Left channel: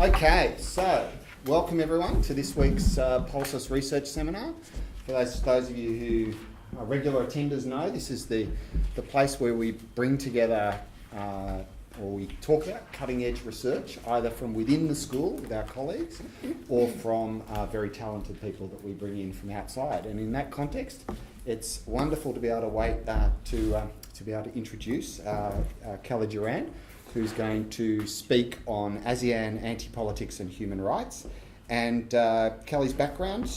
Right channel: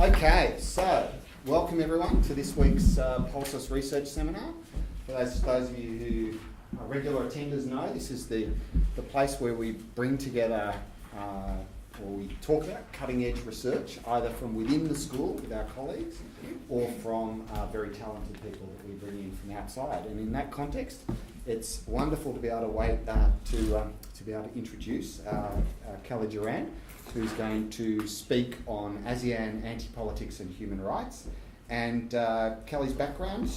Okay, so welcome everyone to this week's Pulsus Research Seminar. For those of you who are regular attenders know, this is the place where we bring together or we talk about cutting edge research, either from within the school with our colleagues or from very talented people that we bring in from outside. And in that context, it's wonderful to be able to be able to introduce Kelly Gerard, who's going to speak on ASEAN anti-politics and human rights. And Kelly's background,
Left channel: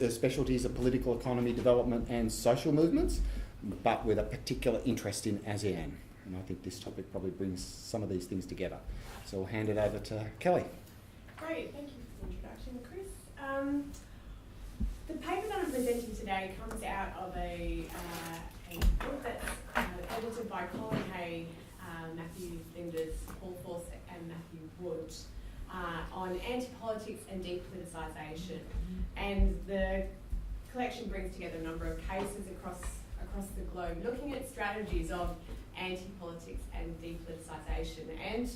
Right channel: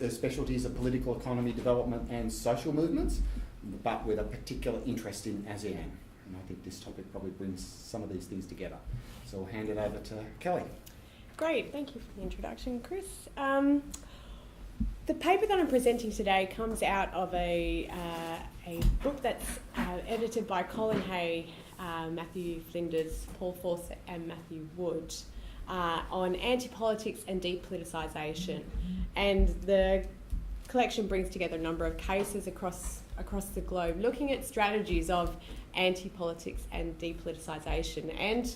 her specialty is political economy, development and social movements, but with a particular interest in ASEAN. And I think this topic probably brings some of these things together. So I'll hand it over to Kelly. Great, thank you for the introduction, Chris. The paper that I'm presenting today comes out of a book that's edited by Colin Hay, Matthew Flinders, Paul Force and Matthew Wood on anti-politics and de-politicisation. And the collection brings together a number of cases across the globe looking at strategies of anti-politics and de-politicisation. And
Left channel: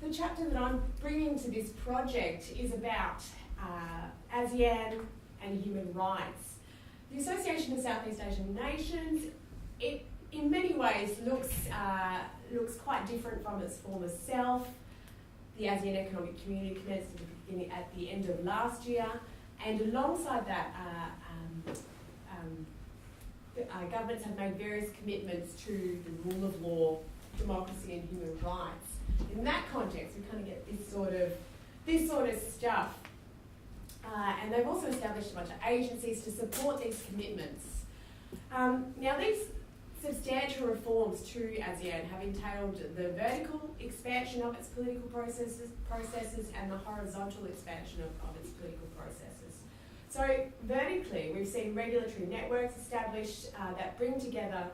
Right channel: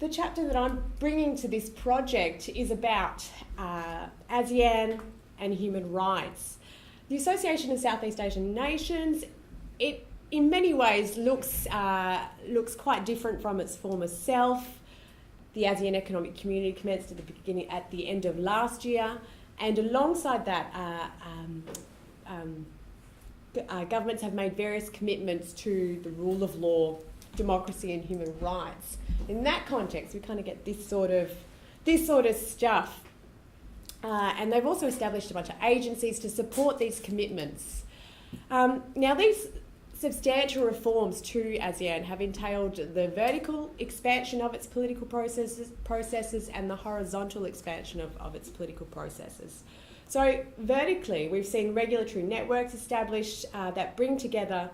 the chapter that I'm bringing to this project is about ASEAN and human rights. The Association of Southeast Asian Nations, it in many ways looks quite different from its former self. The ASEAN Economic Community commenced at the end of last year, and alongside that, governments have made various commitments to the rule of law, democracy, and human rights. In that context, we kind of get this sort of stuff. And they've also established a bunch of agencies to support these commitments. Now, these substantial reforms to ASEAN have entailed the vertical expansion of its political processes and the horizontal expansion of its political processes. So vertically, we've seen regulatory networks established that bring together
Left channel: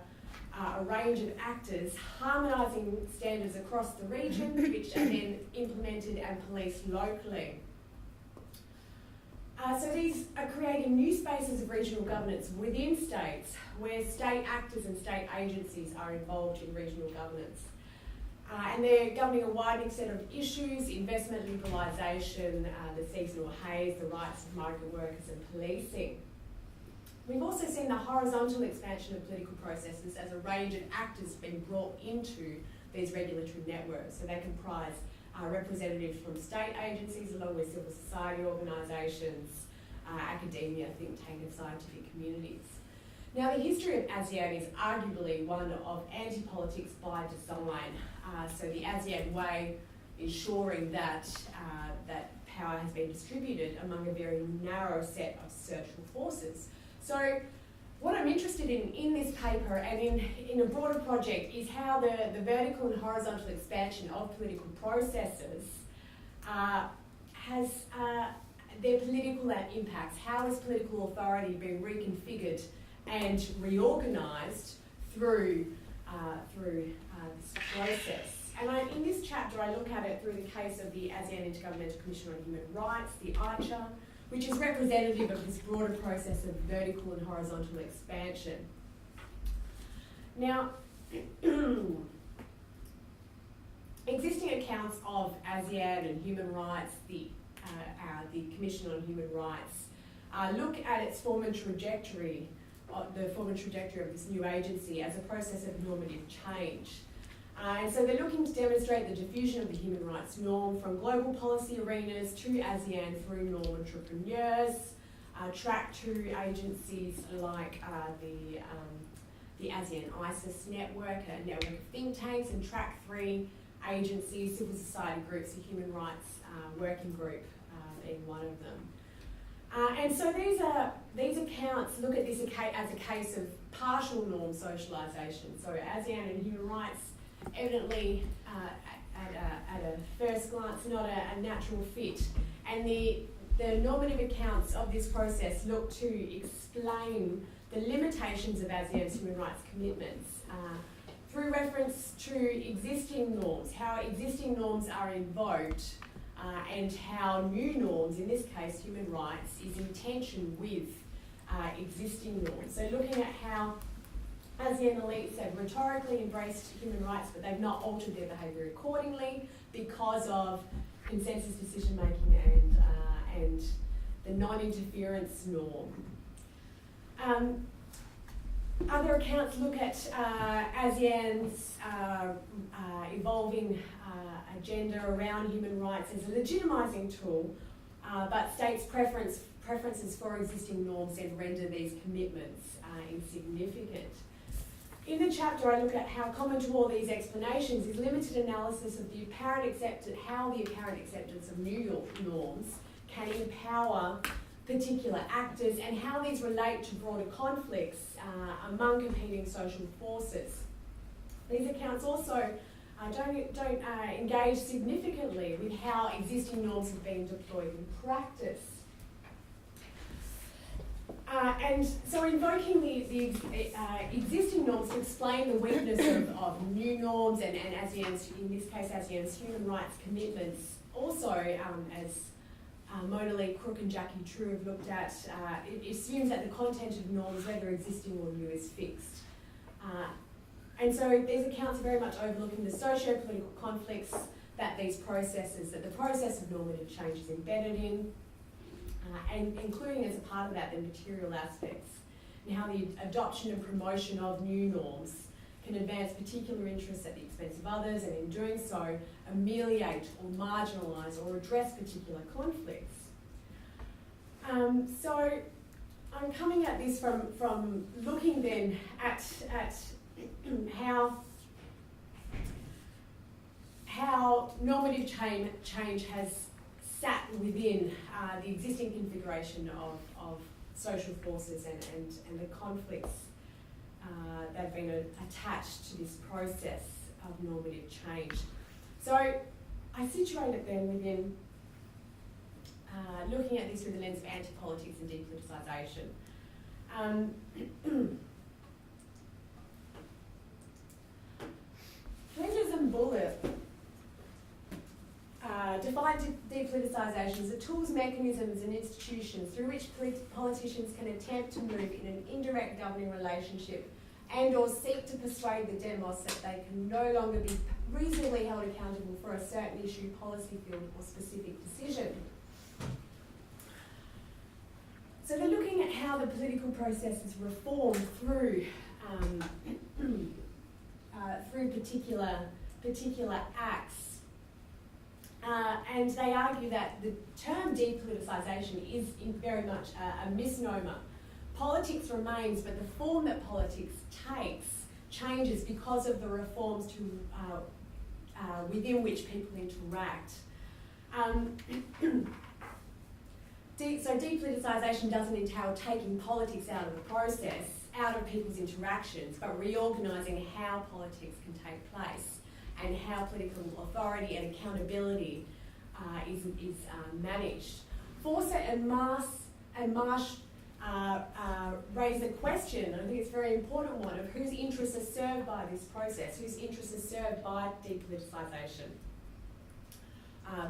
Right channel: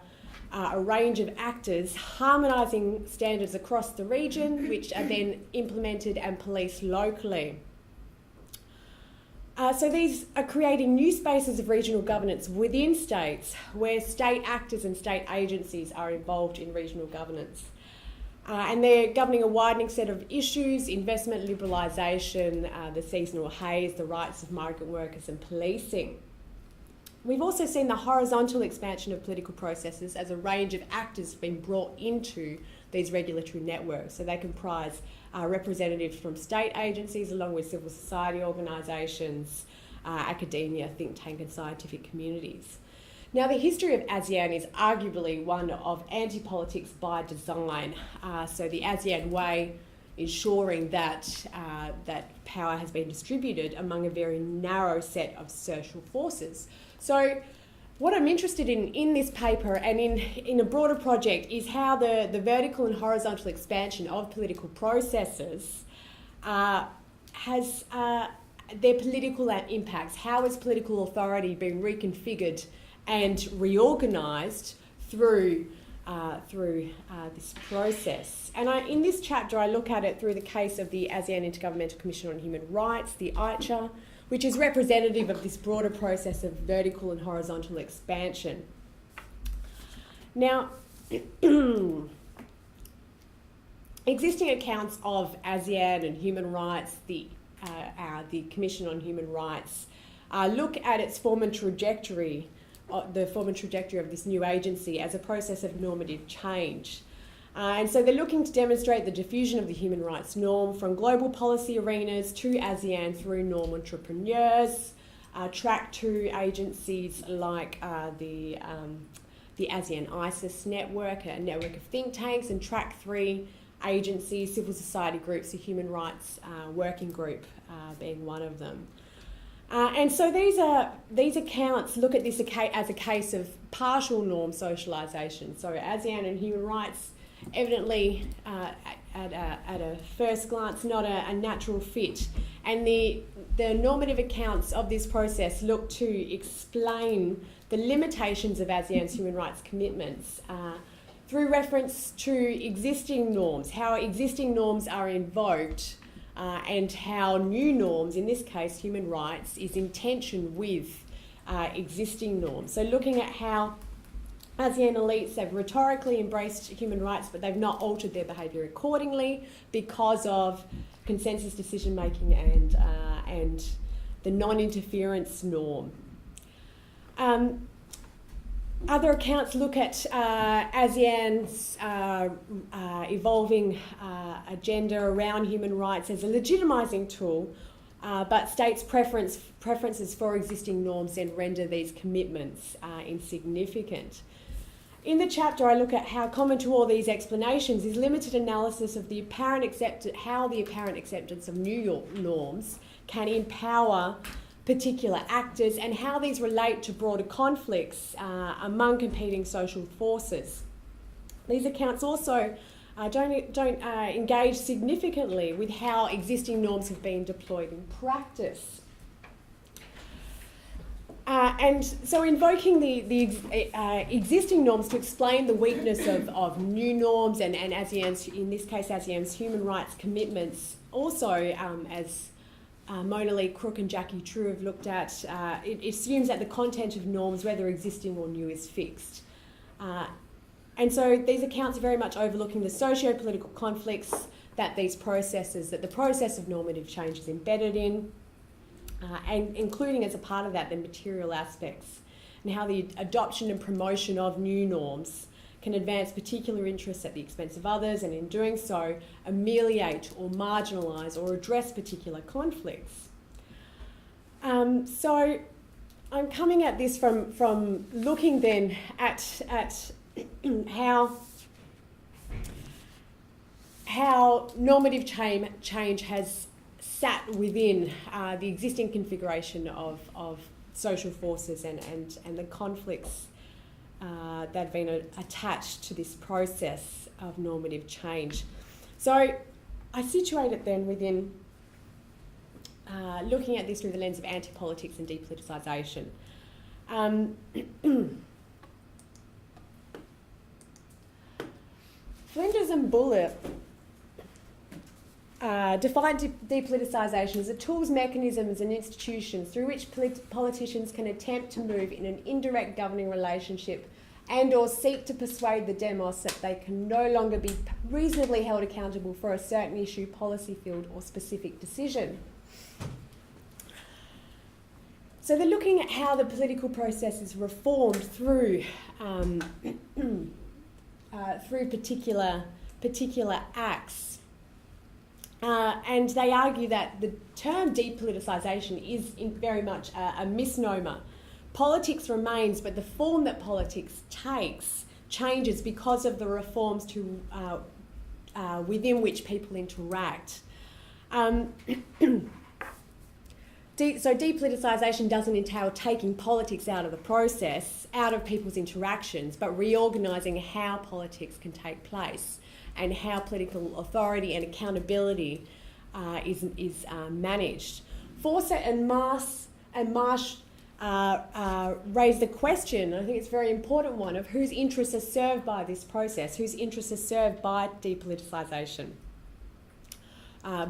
a range of actors, harmonising standards across the region, which are then implemented and policed locally. So these are creating new spaces of regional governance within states where state actors and state agencies are involved in regional governance. And they're governing a widening set of issues: investment liberalisation, the seasonal haze, the rights of migrant workers and policing. We've also seen the horizontal expansion of political processes as a range of actors have been brought into these regulatory networks. So they comprise representatives from state agencies along with civil society organisations, academia, think tank and scientific communities. Now, the history of ASEAN is arguably one of anti-politics by design. So the ASEAN Way, ensuring that power has been distributed among a very narrow set of social forces. So what I'm interested in this paper and in a broader project is how the vertical and horizontal expansion of political processes has their political impacts. How is political authority being reconfigured and reorganised through this process? And in this chapter, I look at it through the case of the ASEAN Intergovernmental Commission on Human Rights, the AICHR, which is representative of this broader process of vertical and horizontal expansion. Now, existing accounts of ASEAN and human rights, the Commission on Human Rights, look at its form and trajectory, the form and trajectory of this new agency as a process of normative change. And so they're looking to demonstrate the diffusion of the human rights norm from global policy arenas to ASEAN through norm entrepreneurs, track 2 agencies like the ASEAN ISIS network, a network of think tanks, and track 3 agencies, civil society groups, a human rights working group being one of them. And so these accounts look at this as a case of partial norm socialisation. So ASEAN and human rights evidently at a first glance not a natural fit, and the normative accounts of this process look to explain the limitations of ASEAN's human rights commitments through reference to existing norms, how existing norms are invoked and how new norms, in this case human rights, is in tension with existing norms. So looking at how ASEAN elites have rhetorically embraced human rights, but they've not altered their behaviour accordingly because of consensus decision making and the non-interference norm. Other accounts look at ASEAN's evolving agenda around human rights as a legitimising tool, but states preferences for existing norms and render these commitments insignificant. In the chapter, I look at how common to all these explanations is limited analysis of how the apparent acceptance of new norms can empower particular actors and how these relate to broader conflicts among competing social forces. These accounts also don't engage significantly with how existing norms have been deployed in practice. And so invoking the existing norms to explain the weakness of new norms and ASEAN's, in this case ASEAN's human rights commitments, also as Mona Lee Crook and Jackie True have looked at, it assumes that the content of norms, whether existing or new, is fixed. And so these accounts are very much overlooking the socio-political conflicts that the process of normative change is embedded in, and including as a part of that the material aspects and how the adoption and promotion of new norms can advance particular interests at the expense of others, and in doing so ameliorate or marginalise or address particular conflicts. So I'm coming at this from looking then at how normative change has sat within the existing configuration of social forces and the conflicts that have been attached to this process of normative change. So I situate it then within looking at this through the lens of anti-politics and de-politicisation. Flinders and Bullitt defined de-politicisation as a tools, mechanisms and institutions through which politicians can attempt to move in an indirect governing relationship and or seek to persuade the demos that they can no longer be reasonably held accountable for a certain issue, policy field or specific decision. So they're looking at how the political process is reformed through particular acts. And they argue that the term de-politicisation is very much a misnomer. Politics remains, but the form that politics takes changes because of the reforms to within which people interact. So de-politicisation doesn't entail taking politics out of the process, out of people's interactions, but reorganising how politics can take place and how political authority and accountability is managed. Fawcett and Marsh raise the question, I think it's a very important one, of whose interests are served by this process, whose interests are served by de-politicisation,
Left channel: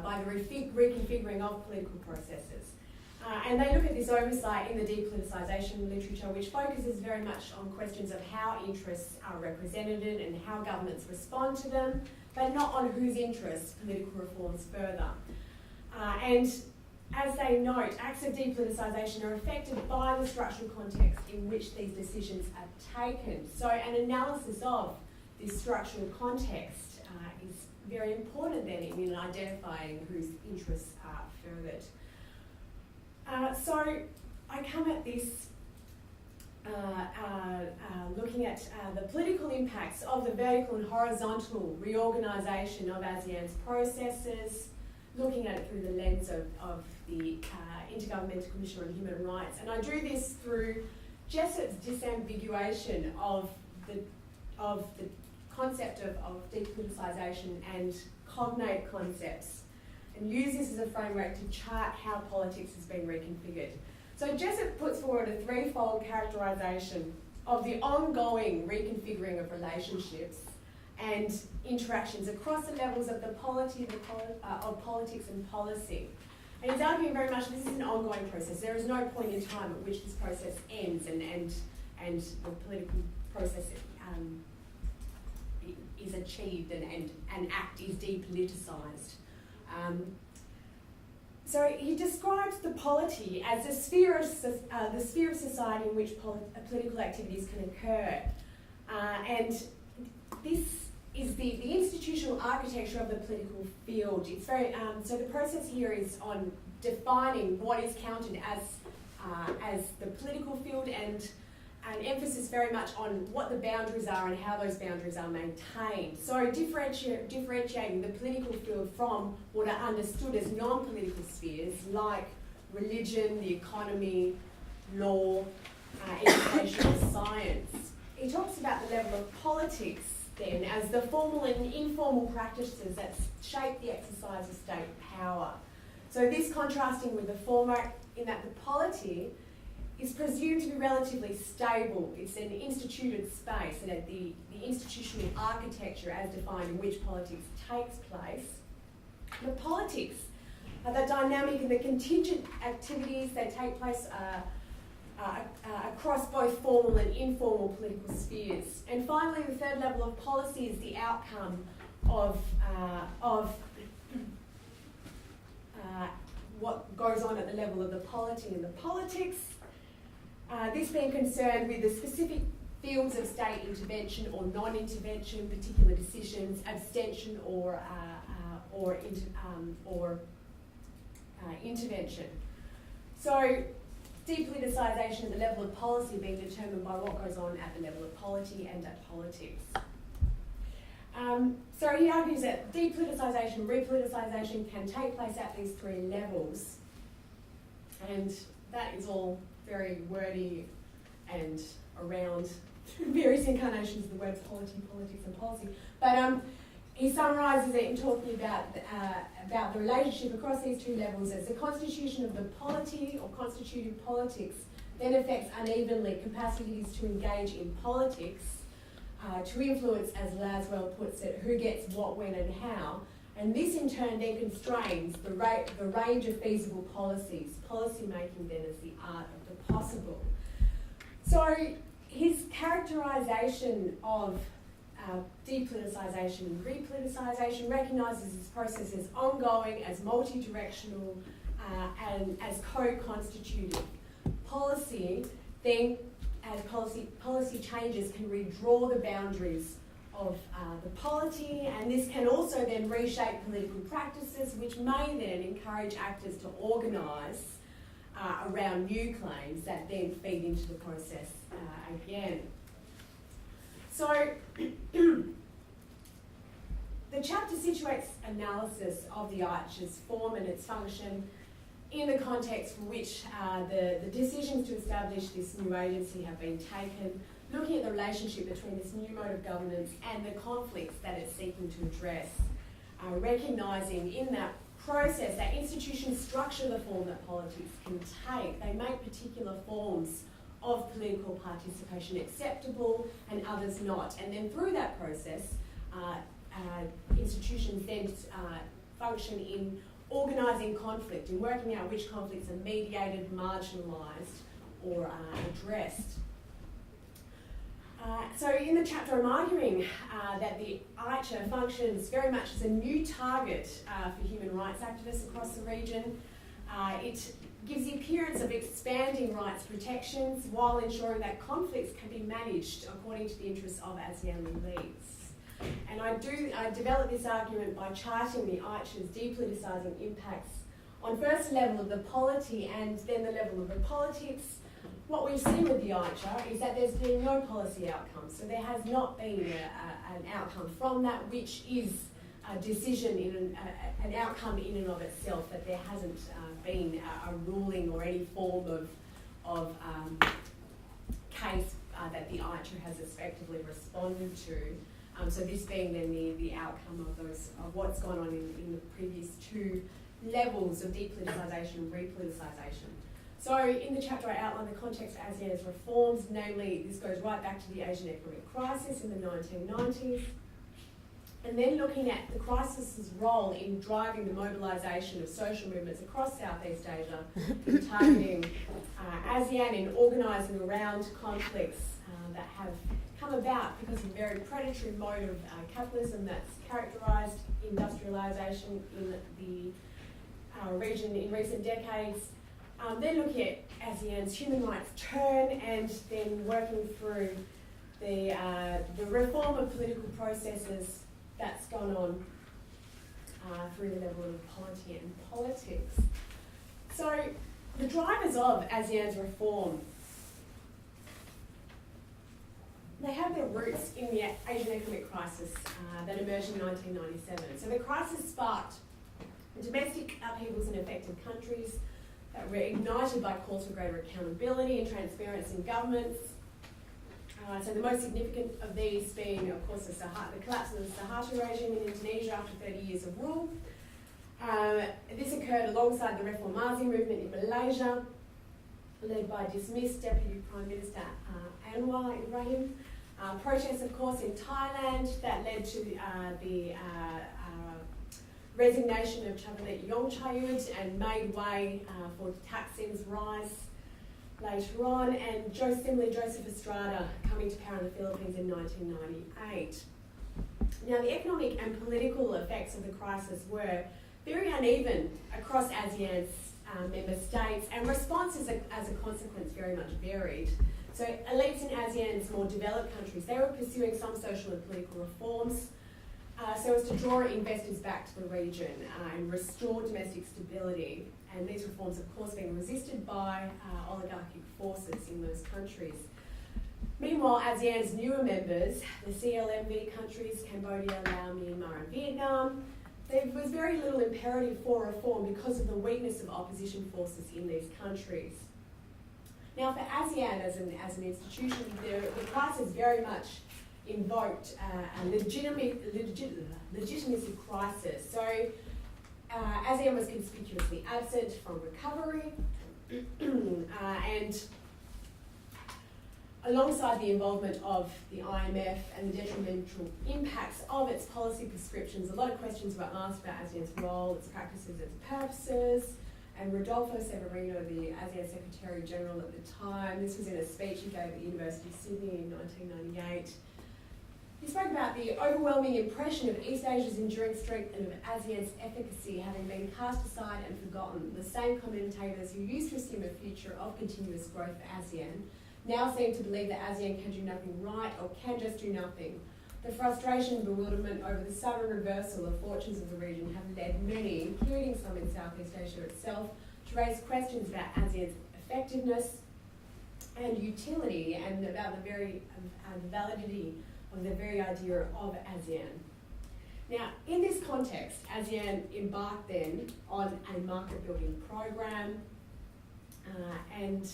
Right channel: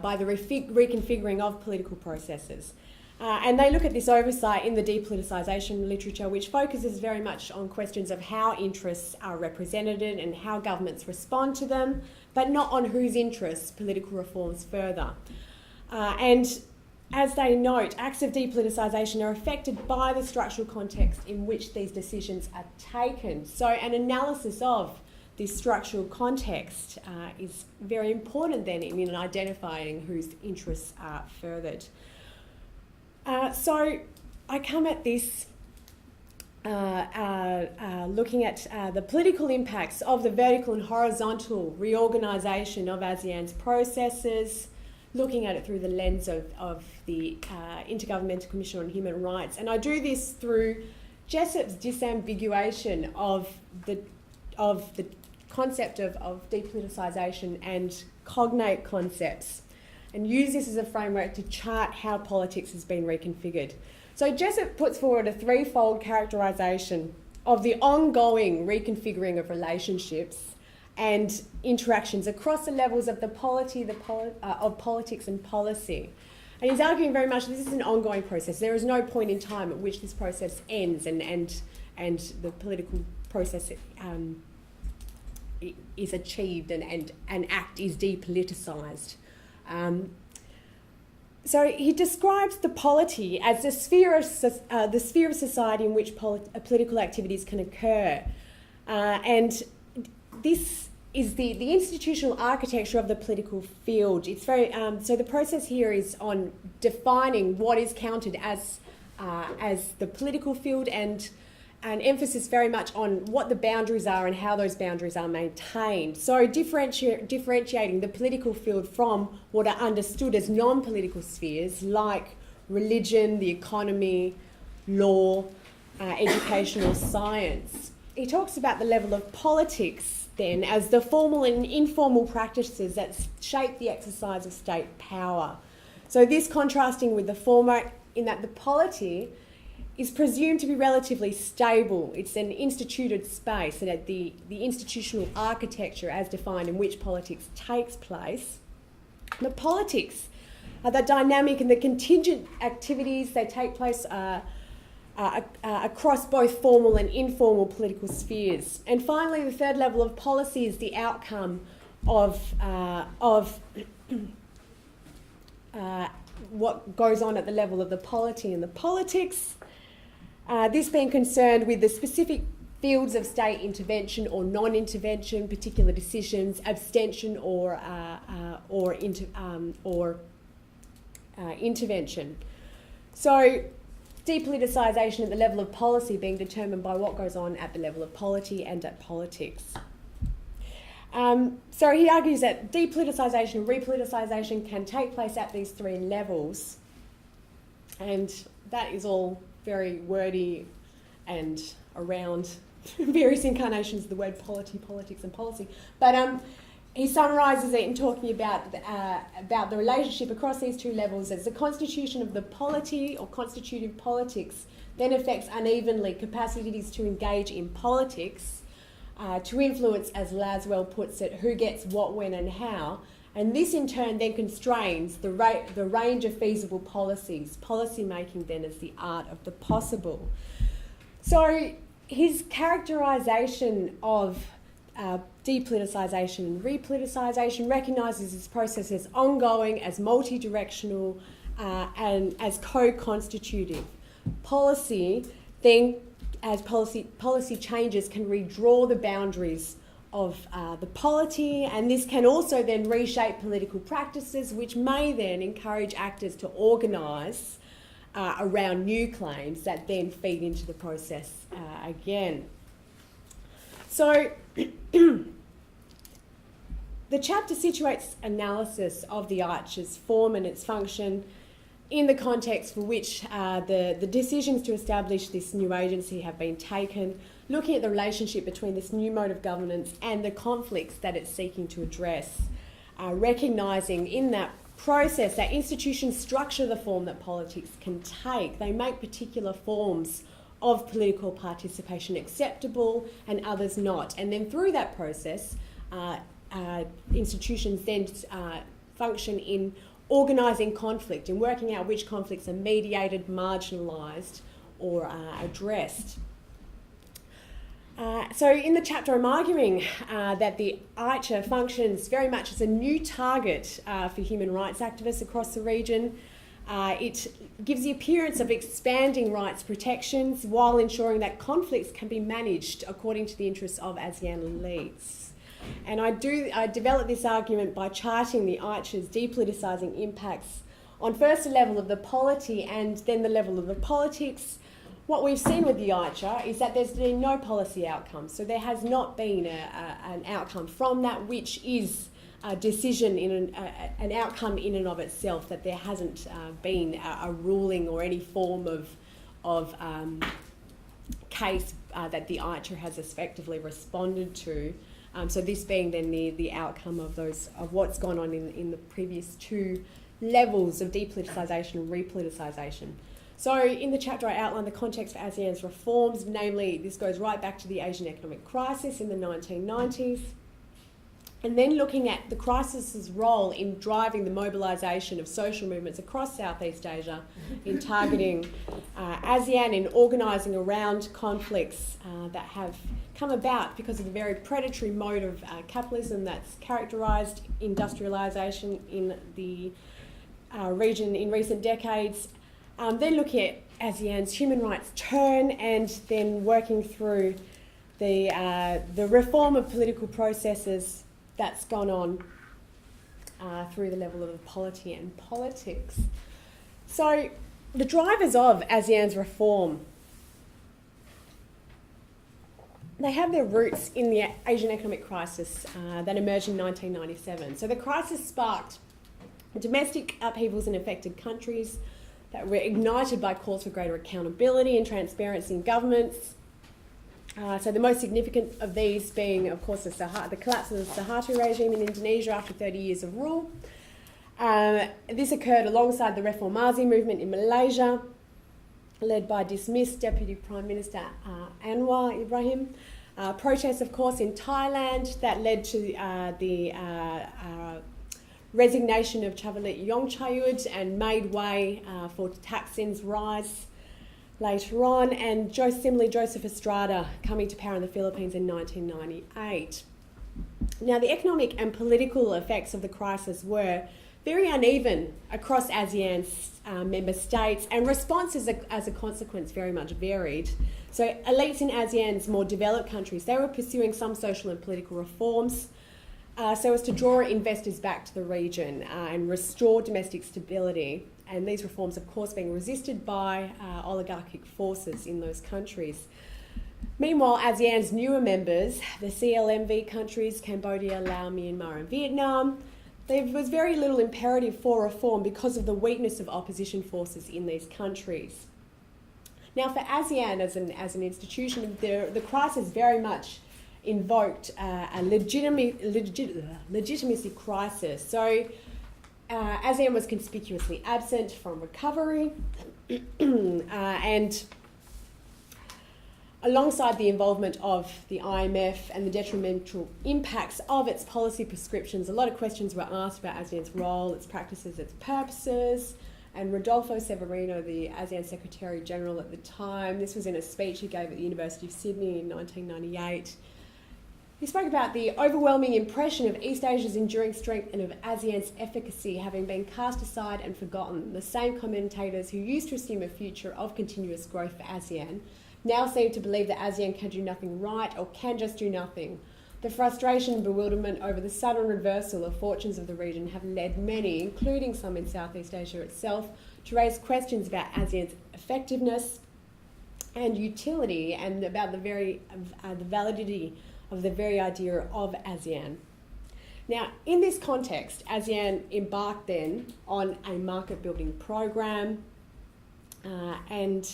by the reconfiguring of political processes. And they look at this oversight in the de-politicisation literature, which focuses very much on questions of how interests are represented and how governments respond to them, but not on whose interests political reforms further. And as they note, acts of de-politicisation are affected by the structural context in which these decisions are taken. So an analysis of this structural context is very important then in identifying whose interests are furthered. So I come at this looking at the political impacts of the vertical and horizontal reorganisation of ASEAN's processes, looking at it through the lens of the Intergovernmental Commission on Human Rights. And I do this through Jessop's disambiguation of the concept of de-politicisation and cognate concepts, and use this as a framework to chart how politics has been reconfigured. So Jessop puts forward a threefold characterisation of the ongoing reconfiguring of relationships and interactions across the levels of the polity, of politics and policy. And he's arguing very much this is an ongoing process. There is no point in time at which this process ends and the political process is achieved and an act is depoliticised. So he describes the polity as the sphere of society in which political activities can occur. And this is the institutional architecture of the political field. It's very so the process here is on defining what is counted as the political field, and an emphasis very much on what the boundaries are and how those boundaries are maintained. So differentiating the political field from what are understood as non-political spheres like religion, the economy, law, education or science. He talks about the level of politics then as the formal and informal practices that shape the exercise of state power. So this contrasting with the former in that the polity is presumed to be relatively stable. It's an instituted space, and at the institutional architecture as defined in which politics takes place. The politics are the dynamic and the contingent activities that take place across both formal and informal political spheres. And finally, the third level of policy is the outcome of what goes on at the level of the polity and the politics. This being concerned with the specific fields of state intervention or non-intervention, particular decisions, abstention or intervention. So depoliticisation at the level of policy being determined by what goes on at the level of polity and at politics. So he argues that depoliticisation and repoliticisation can take place at these three levels, and that is all very wordy and around various incarnations of the word polity, politics and policy. But he summarises it in talking about the relationship across these two levels as the constitution of the polity or constitutive politics then affects unevenly capacities to engage in politics, to influence, as Laswell puts it, who gets what, when and how. And this in turn then constrains the range of feasible policies. Policy making then is the art of the possible. So his characterisation of depoliticisation and repoliticisation recognises this process as ongoing, as multi-directional, and as co-constitutive. Policy then, as policy changes, can redraw the boundaries of the polity, and this can also then reshape political practices, which may then encourage actors to organise around new claims that then feed into the process again. So the chapter situates analysis of the AICHR's form and its function in the context for which the decisions to establish this new agency have been taken, looking at the relationship between this new mode of governance and the conflicts that it's seeking to address, recognising in that process that institutions structure the form that politics can take. They make particular forms of political participation acceptable and others not. And then through that process, institutions then function in organising conflict and working out which conflicts are mediated, marginalised or addressed. So in the chapter I'm arguing that the AICHR functions very much as a new target for human rights activists across the region. It gives the appearance of expanding rights protections while ensuring that conflicts can be managed according to the interests of ASEAN elites. And I develop this argument by charting the AICHR's depoliticising impacts on first the level of the polity and then the level of the politics. What we've seen with the AICHR is that there's been no policy outcome, so there has not been an outcome from that, which is a decision in an outcome in and of itself, that there hasn't been a ruling or any form of case that the AICHR has effectively responded to. So this being then the outcome of what's gone on in the previous two levels of depoliticisation and repoliticisation. So in the chapter I outline the context for ASEAN's reforms, namely this goes right back to the Asian economic crisis in the 1990s, and then looking at the crisis's role in driving the mobilisation of social movements across Southeast Asia, in targeting ASEAN, in organising around conflicts that have come about because of the very predatory mode of capitalism that's characterised industrialisation in the region in recent decades. Then looking at ASEAN's human rights turn, and then working through the reform of political processes that's gone on through the level of polity and politics. So the drivers of ASEAN's reform, they have their roots in the Asian economic crisis that emerged in 1997. So the crisis sparked domestic upheavals in affected countries that were ignited by calls for greater accountability and transparency in governments. So the most significant of these being, of course, the collapse of the Suharto regime in Indonesia after 30 years of rule. This occurred alongside the Reformasi movement in Malaysia, led by dismissed Deputy Prime Minister Anwar Ibrahim. Protests, of course, in Thailand that led to the resignation of Chavalit Yongchayut and made way for Thaksin's rise later on, and similarly Joseph Estrada coming to power in the Philippines in 1998. Now, the economic and political effects of the crisis were very uneven across ASEAN's member states, and responses as a consequence very much varied. So elites in ASEAN's more developed countries, they were pursuing some social and political reforms so as to draw investors back to the region and restore domestic stability. And these reforms, of course, being resisted by oligarchic forces in those countries. Meanwhile, ASEAN's newer members, the CLMV countries, Cambodia, Laos, Myanmar and Vietnam, there was very little imperative for reform because of the weakness of opposition forces in these countries. Now, for ASEAN as an institution, the crisis very much invoked a legitimacy crisis. So ASEAN was conspicuously absent from recovery and alongside the involvement of the IMF and the detrimental impacts of its policy prescriptions, a lot of questions were asked about ASEAN's role, its practices, its purposes. And Rodolfo Severino, the ASEAN Secretary General at the time, this was in a speech he gave at the University of Sydney in 1998. He spoke about the overwhelming impression of East Asia's enduring strength and of ASEAN's efficacy having been cast aside and forgotten. The same commentators who used to assume a future of continuous growth for ASEAN now seem to believe that ASEAN can do nothing right or can just do nothing. The frustration and bewilderment over the sudden reversal of fortunes of the region have led many, including some in Southeast Asia itself, to raise questions about ASEAN's effectiveness and utility and about the validity of the very idea of ASEAN. Now, in this context, ASEAN embarked then on a market-building program, and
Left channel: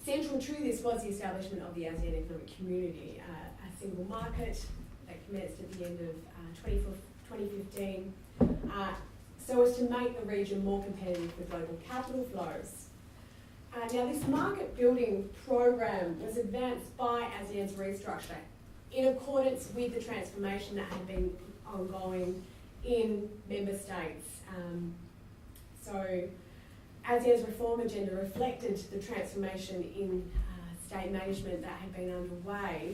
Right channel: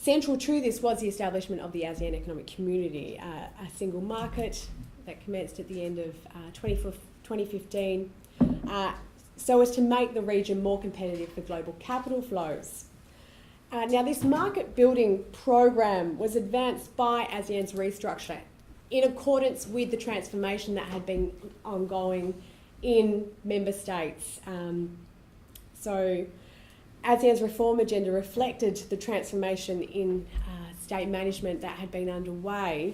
central to this was the establishment of the ASEAN Economic Community, a single market that commenced at the end of 2015, so as to make the region more competitive for global capital flows. Now, this market-building program was advanced by ASEAN's restructure in accordance with the transformation that had been ongoing in member states. So ASEAN's reform agenda reflected the transformation in state management that had been underway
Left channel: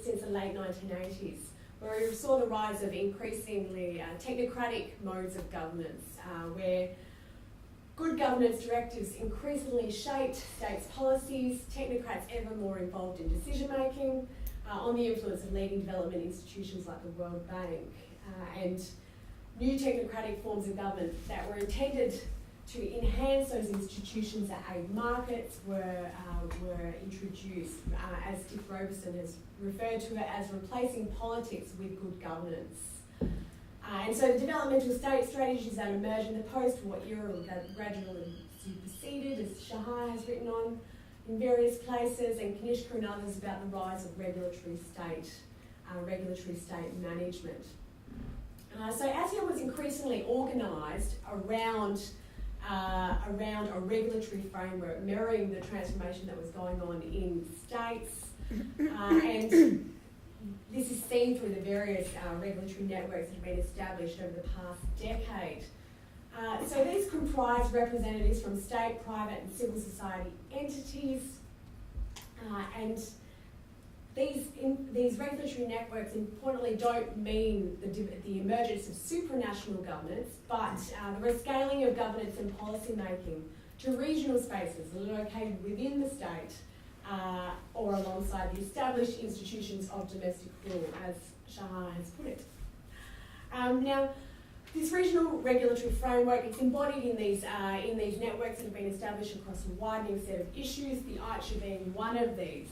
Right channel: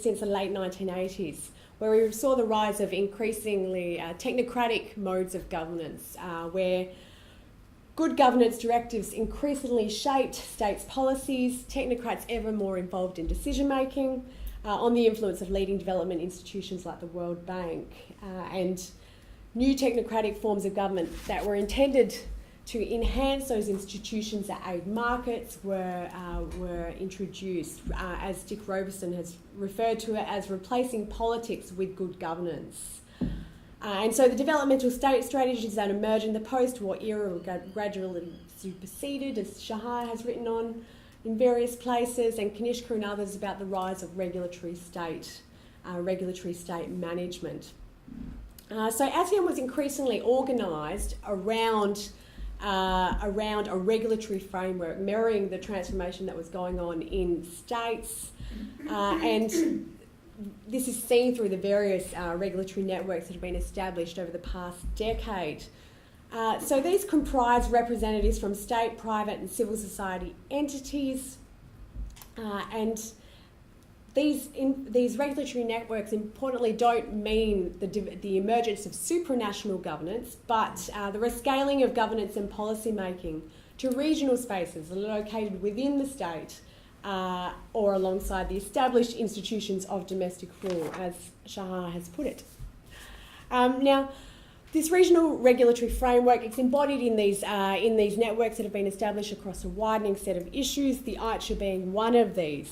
since the late 1980s, where we saw the rise of increasingly technocratic modes of governance, where good governance directives increasingly shaped states' policies, technocrats ever more involved in decision-making, on the influence of leading development institutions like the World Bank, and new technocratic forms of government that were intended to enhance those institutions that aid markets were introduced, as Dick Roberson has referred to it as replacing politics with good governance. And so the developmental state strategies that emerged in the post-war era were gradually superseded, as Shahar has written on in various places, and Kanishka and others about the rise of regulatory state management. So ASEAN was increasingly organised around a regulatory framework mirroring the transformation that was going on in states, and this is seen through the various regulatory networks that have been established over the past decade. So these comprise representatives from state, private and civil society entities, and these regulatory networks importantly don't mean the emergence of supranational governance, but the rescaling of governance and policy making to regional spaces that are located within the state or alongside the established institutions of domestic rule, as Shahar has put it. Now, this regional regulatory framework is embodied in these networks that have been established across a widening set of issues, the AICHR being one of these.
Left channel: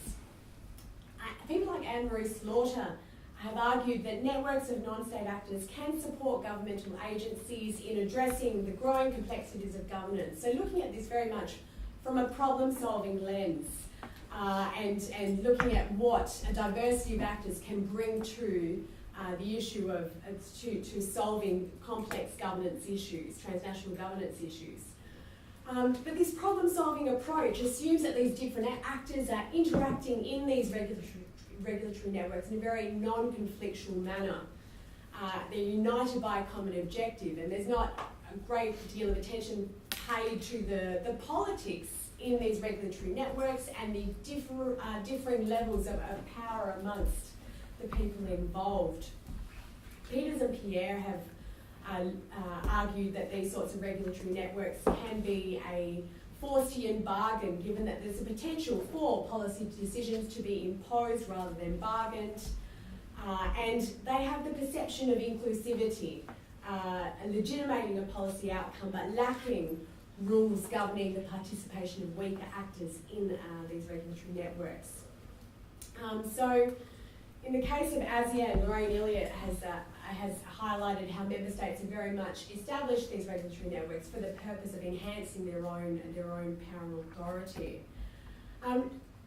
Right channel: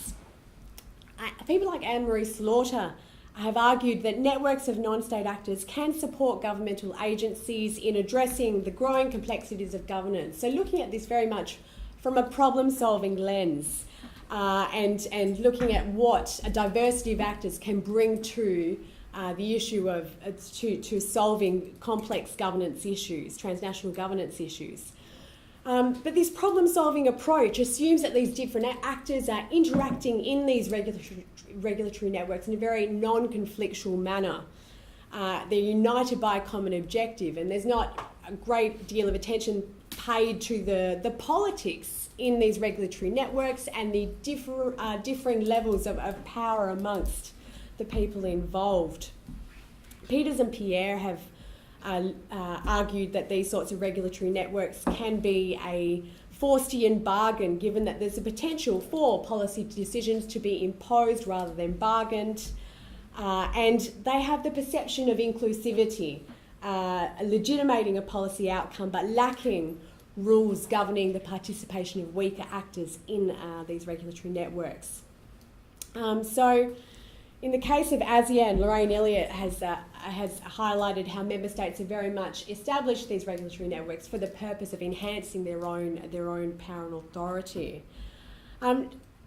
People like Anne-Marie Slaughter have argued that networks of non-state actors can support governmental agencies in addressing the growing complexities of governance. So looking at this very much from a problem-solving lens and looking at what a diversity of actors can bring to the issue of to solving complex governance issues, transnational governance issues. But this problem-solving approach assumes that these different actors are interacting in these regulatory networks in a very non-conflictual manner. They're united by a common objective, and there's not a great deal of attention paid to the politics in these regulatory networks and the differing levels of power amongst the people involved. Peters and Pierre have argued that these sorts of regulatory networks can be a Faustian bargain, given that there's a potential for policy decisions to be imposed rather than bargained, and they have the perception of inclusivity, legitimating a policy outcome but lacking rules governing the participation of weaker actors in these regulatory networks. So in the case of ASEAN, Lorraine Elliott has highlighted how member states have very much established these regulatory networks for the purpose of enhancing their own power and authority.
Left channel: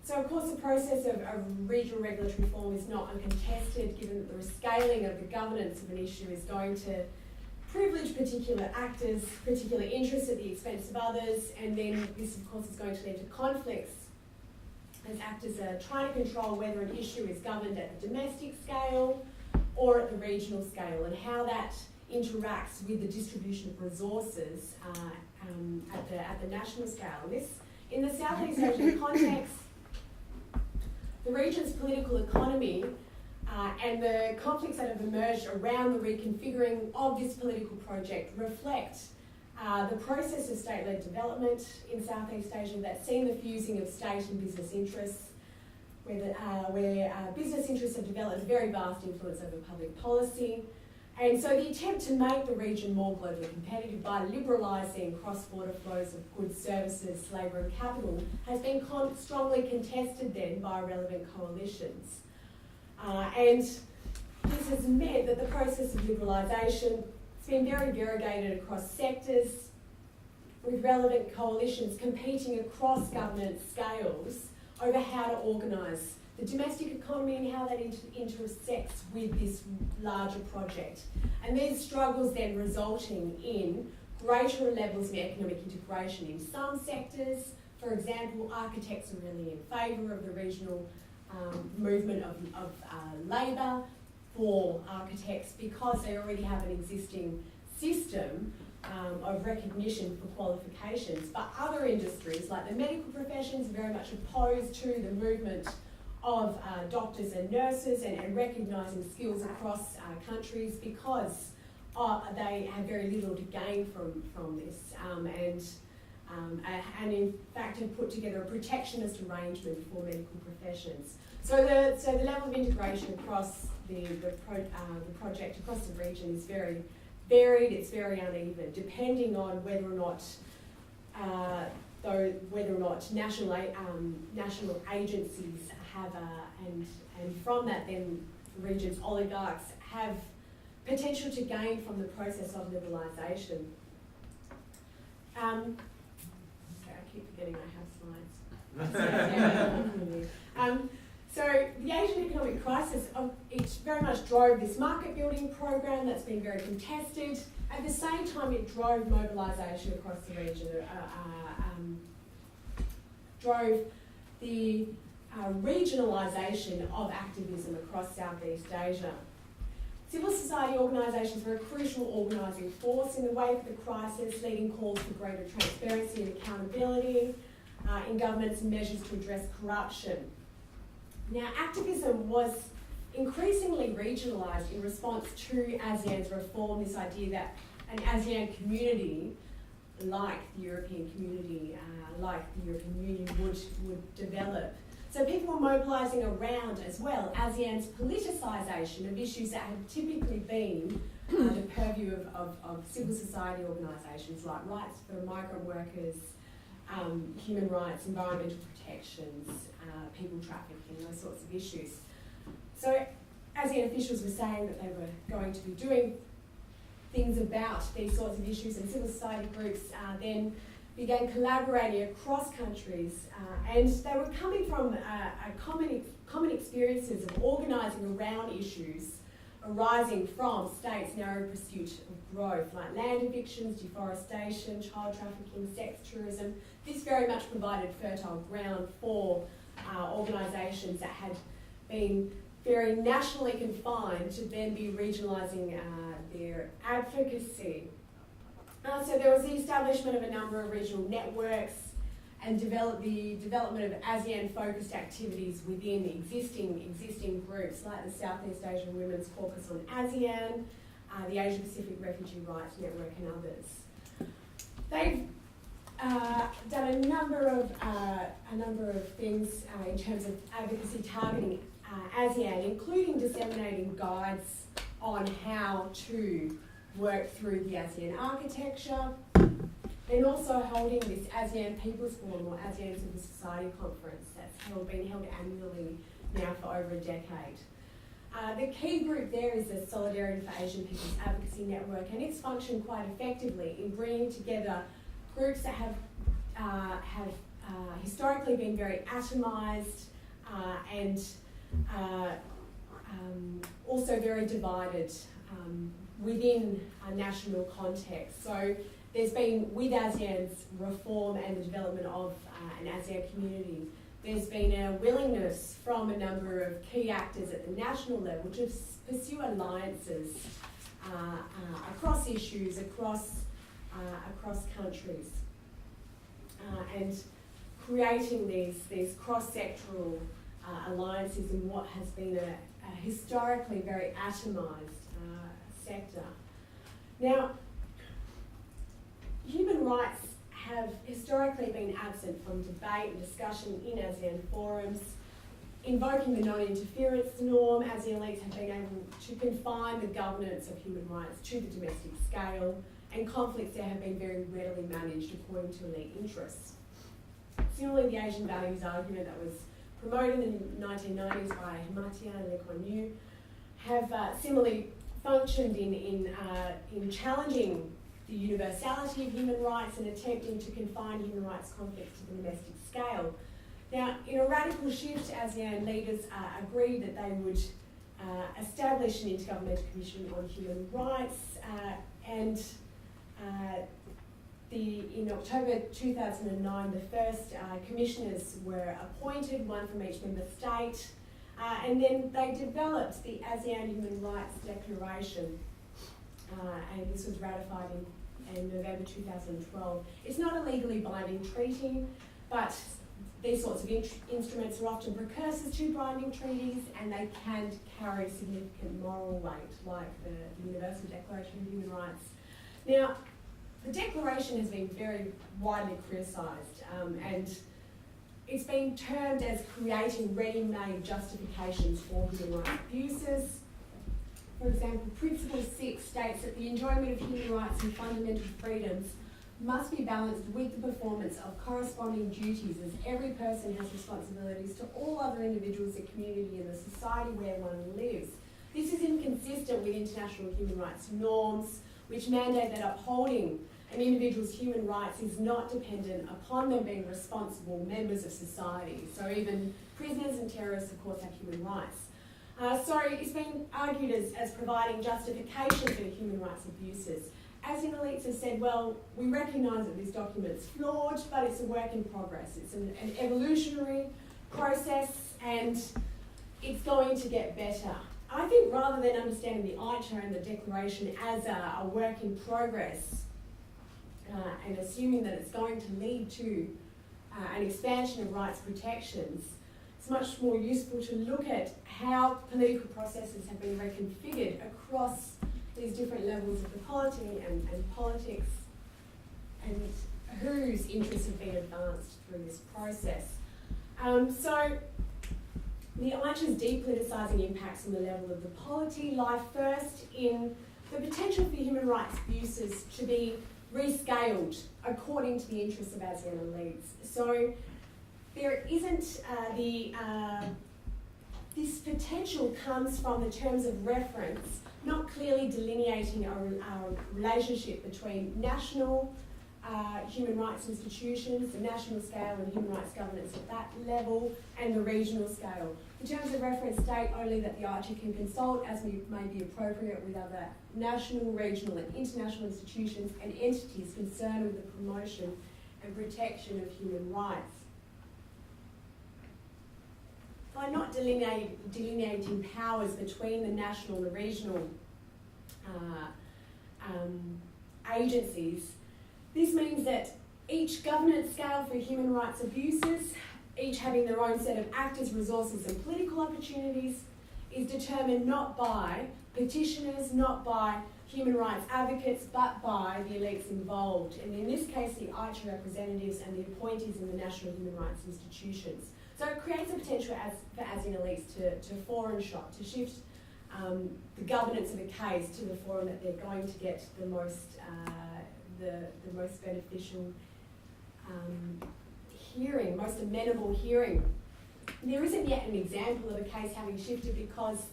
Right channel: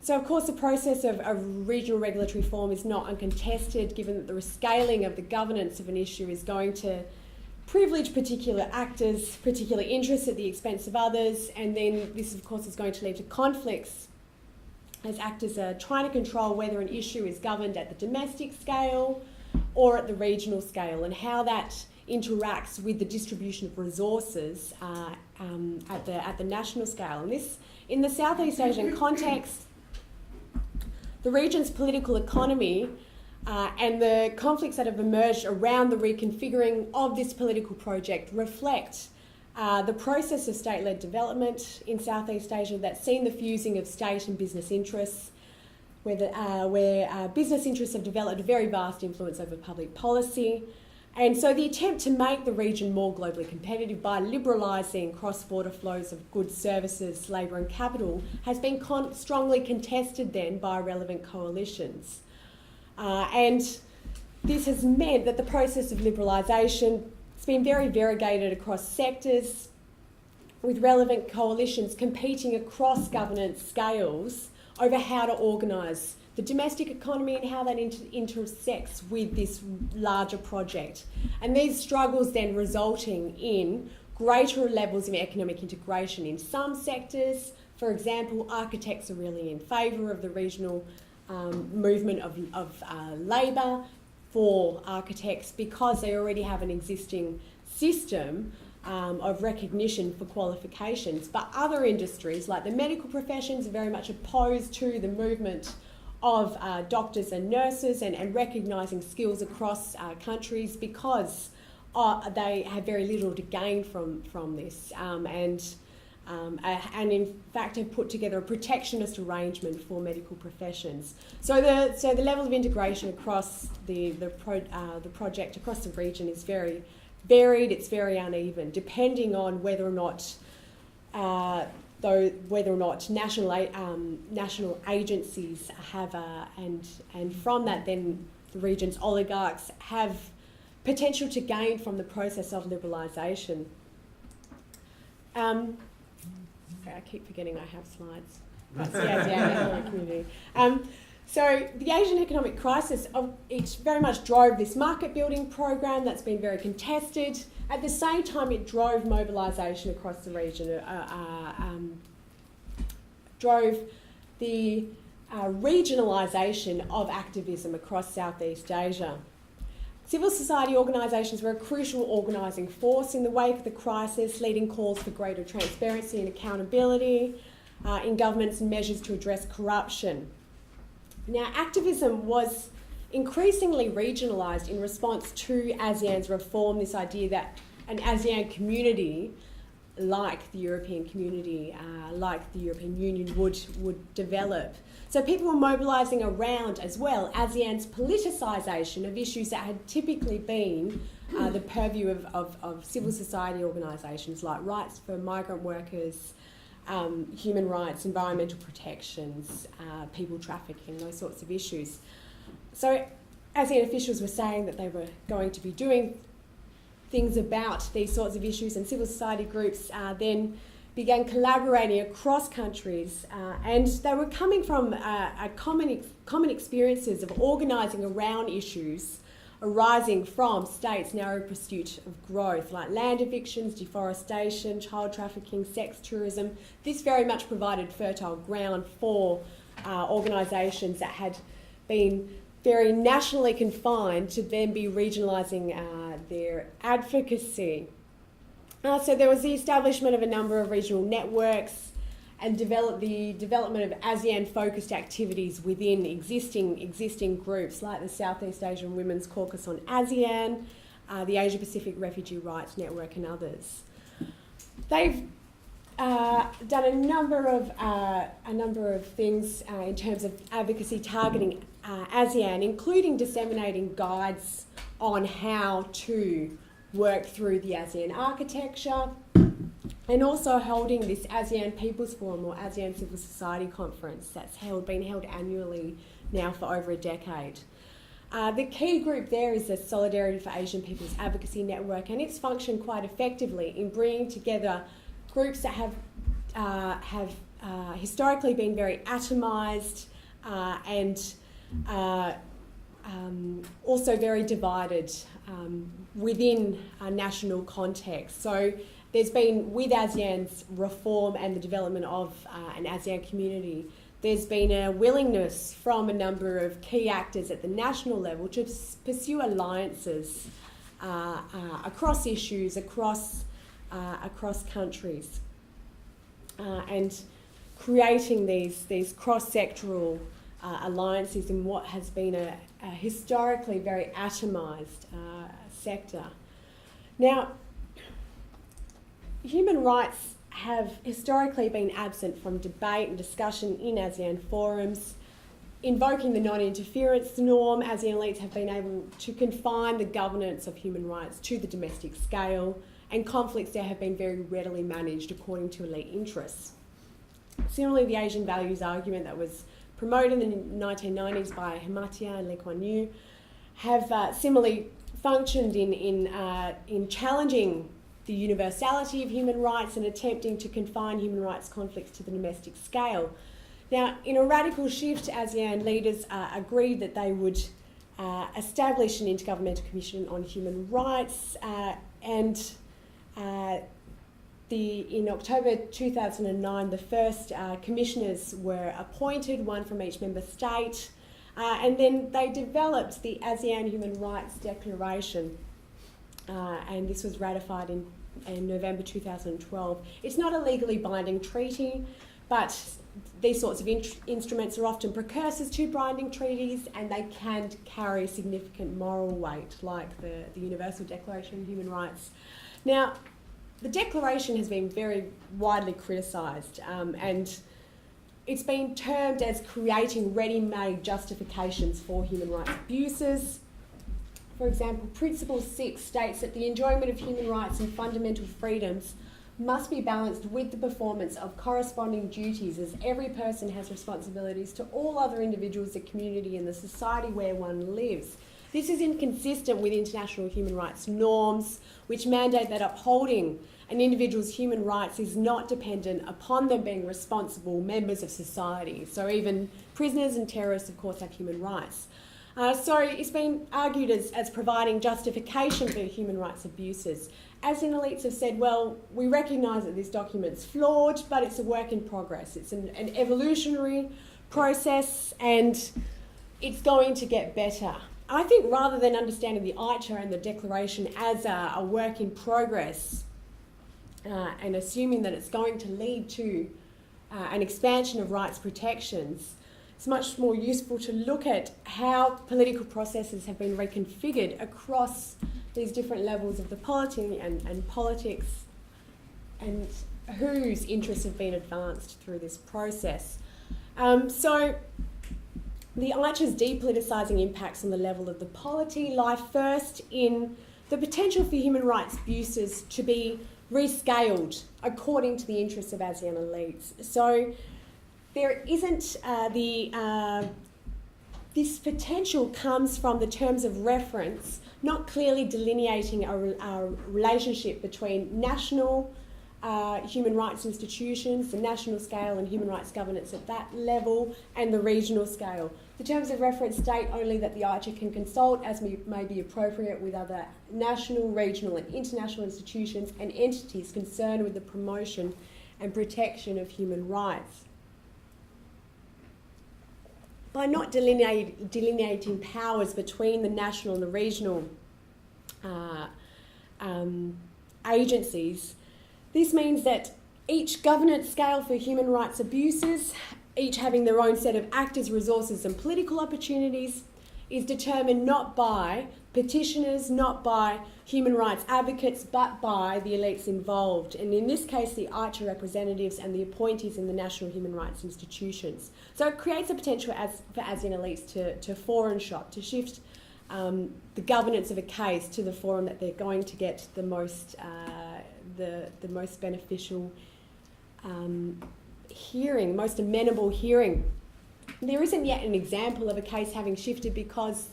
So of course the process of regional regulatory reform is not uncontested, given that the rescaling of the governance of an issue is going to privilege particular actors, particular interests at the expense of others, and then this of course is going to lead to conflicts as actors are trying to control whether an issue is governed at the domestic scale or at the regional scale, and how that interacts with the distribution of resources at the national scale. And this, in the Southeast Asian context, the region's political economy and the conflicts that have emerged around the reconfiguring of this political project reflect the process of state-led development in Southeast Asia that's seen the fusing of state and business interests, where business interests have developed a very vast influence over public policy. And so the attempt to make the region more globally competitive by liberalising cross-border flows of goods, services, labour and capital has been strongly contested then by relevant coalitions. And this has meant that the process of liberalisation has been very variegated across sectors, with relevant coalitions competing across governance scales over how to organise the domestic economy and how that intersects with this larger project. And these struggles then resulting in greater levels of economic integration in some sectors. For example, architects are really in favour of the regional movement of labour for architects because they already have an existing system of recognition for qualifications. But other industries, like the medical professions, are very much opposed to the movement of doctors and nurses and recognising skills across countries because they have very little to gain from this and in fact have put together a protectionist arrangement for medical professions. So the level of integration across the project across the region is very varied, it's very uneven, depending on whether or not national agencies have and from that then the region's oligarchs have potential to gain from the process of liberalisation. Okay, I keep forgetting I have slides. That's the ASEAN community. So the Asian economic crisis, it very much drove this market building program that's been very contested. At the same time, it drove mobilisation across the region, drove the regionalisation of activism across Southeast Asia. Civil society organisations were a crucial organising force in the wake of the crisis, leading calls for greater transparency and accountability in governments and measures to address corruption. Now, activism was increasingly regionalised in response to ASEAN's reform, this idea that an ASEAN community, like the European community, like the European Union, would develop. So people were mobilising around as well ASEAN's politicisation of issues that had typically been the purview of civil society organisations like rights for migrant workers, human rights, environmental protections, people trafficking, those sorts of issues. So ASEAN officials were saying that they were going to be doing things about these sorts of issues, and civil society groups then began collaborating across countries, and they were coming from common experiences of organising around issues arising from states' narrow pursuit of growth, like land evictions, deforestation, child trafficking, sex tourism. This very much provided fertile ground for organisations that had been very nationally confined to then be regionalising their advocacy. So there was the establishment of a number of regional networks and the development of ASEAN-focused activities within existing groups like the Southeast Asian Women's Caucus on ASEAN, the Asia-Pacific Refugee Rights Network and others. They've done a number of things in terms of advocacy targeting ASEAN, including disseminating guides on how to work through the ASEAN architecture, and also holding this ASEAN People's Forum or ASEAN Civil Society Conference that's been held annually now for over a decade. The key group there is the Solidarity for Asian People's Advocacy Network, and it's functioned quite effectively in bringing together groups that have historically been very atomised and also very divided within a national context. So there's been, with ASEAN's reform and the development of an ASEAN community, there's been a willingness from a number of key actors at the national level to pursue alliances across issues, across countries, and creating these cross-sectoral alliances in what has been a historically very atomised sector. Now, human rights have historically been absent from debate and discussion in ASEAN forums. Invoking the non-interference norm, ASEAN elites have been able to confine the governance of human rights to the domestic scale, and conflicts there have been very readily managed according to elite interests. Similarly, the Asian values argument that was promoted in the 1990s by Hamatia and Lee Kuan Yew have similarly functioned in challenging the universality of human rights and attempting to confine human rights conflicts to the domestic scale. Now, in a radical shift, ASEAN leaders agreed that they would establish an Intergovernmental Commission on Human Rights, and in October 2009, the first commissioners were appointed, one from each member state, and then they developed the ASEAN Human Rights Declaration, and this was ratified in November 2012. It's not a legally binding treaty, but these sorts of instruments are often precursors to binding treaties, and they can carry significant moral weight, like the Universal Declaration of Human Rights. Now, the Declaration has been very widely criticised, and it's been termed as creating ready-made justifications for human rights abuses. For example, Principle 6 states that the enjoyment of human rights and fundamental freedoms must be balanced with the performance of corresponding duties, as every person has responsibilities to all other individuals, the community and the society where one lives. This is inconsistent with international human rights norms, which mandate that upholding an individual's human rights is not dependent upon them being responsible members of society. So even prisoners and terrorists, of course, have human rights. So it's been argued as providing justification for human rights abuses. ASEAN elites have said, well, we recognise that this document's flawed, but it's a work in progress. It's an evolutionary process, and it's going to get better. I think rather than understanding the AICHR and the Declaration as a work in progress, and assuming that it's going to lead to an expansion of rights protections, it's much more useful to look at how political processes have been reconfigured across these different levels of the polity and politics, and whose interests have been advanced through this process. So the AICHR's de-politicising impacts on the level of the polity lie first in the potential for human rights abuses to be rescaled according to the interests of ASEAN elites. So there isn't this potential comes from the terms of reference not clearly delineating a relationship between national human rights institutions, the national scale and human rights governance at that level, and the regional scale. The terms of reference state only that the AICHR can consult as may be appropriate with other national, regional and international institutions and entities concerned with the promotion and protection of human rights. By not delineating powers between the national and the regional agencies, this means that each governance scale for human rights abuses, each having their own set of actors, resources and political opportunities, is determined not by petitioners, not by human rights advocates, but by the elites involved. And in this case, the AICHR representatives and the appointees in the national human rights institutions. So it creates a potential for ASEAN elites to foreign shop, to shift the governance of a case to the forum that they're going to get the most beneficial hearing, most amenable hearing. There isn't yet an example of a case having shifted because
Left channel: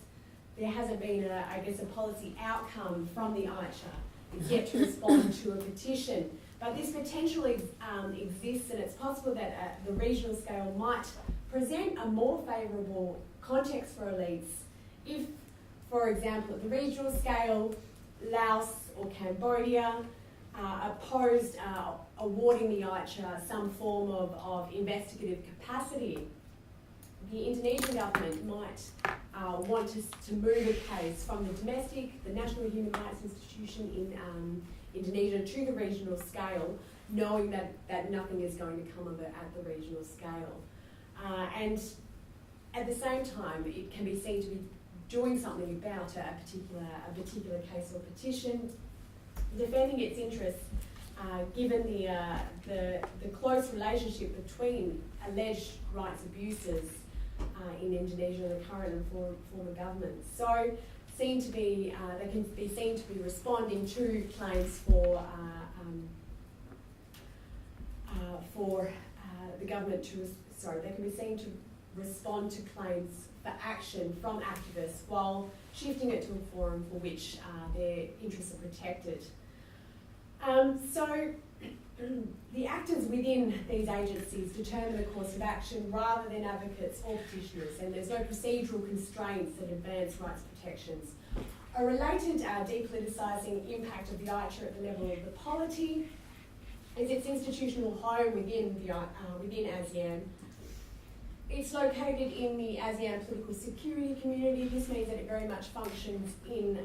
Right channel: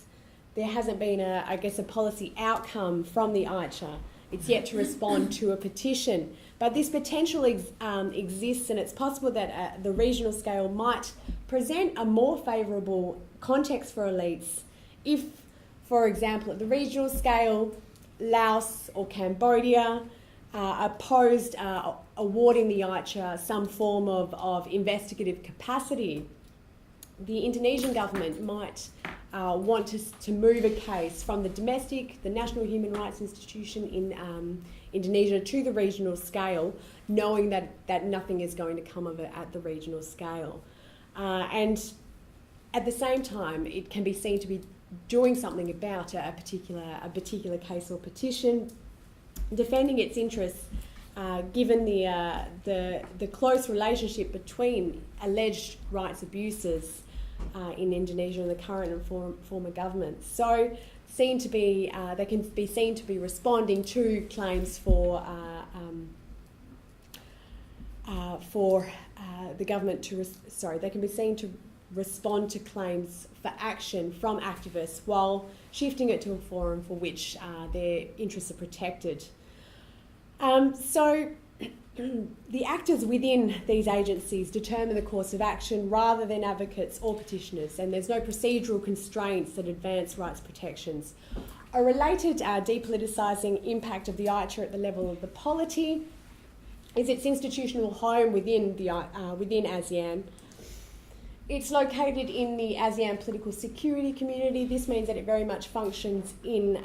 there hasn't been a policy outcome from the AICHR. It's yet to respond to a petition. But this potential exists, and it's possible that the regional scale might present a more favourable context for elites if, for example, at the regional scale, Laos or Cambodia opposed awarding the AICHR some form of investigative capacity. The Indonesian government might want to move a case from the National Human Rights Institution in Indonesia to the regional scale, knowing that nothing is going to come of it at the regional scale. And at the same time, it can be seen to be doing something about a particular case or petition, defending its interests, given the close relationship between alleged rights abuses in Indonesia and the current and former governments. So, they can be seen to be responding to claims for the government they can be seen to respond to claims for action from activists while shifting it to a forum for which their interests are protected. So the actors within these agencies determine the course of action rather than advocates or petitioners, and there's no procedural constraints that advance rights protections. A related de-politicising impact of the AICHR at the level of the polity is its institutional home within ASEAN. It's located in the ASEAN political security community. This means that it very much functions in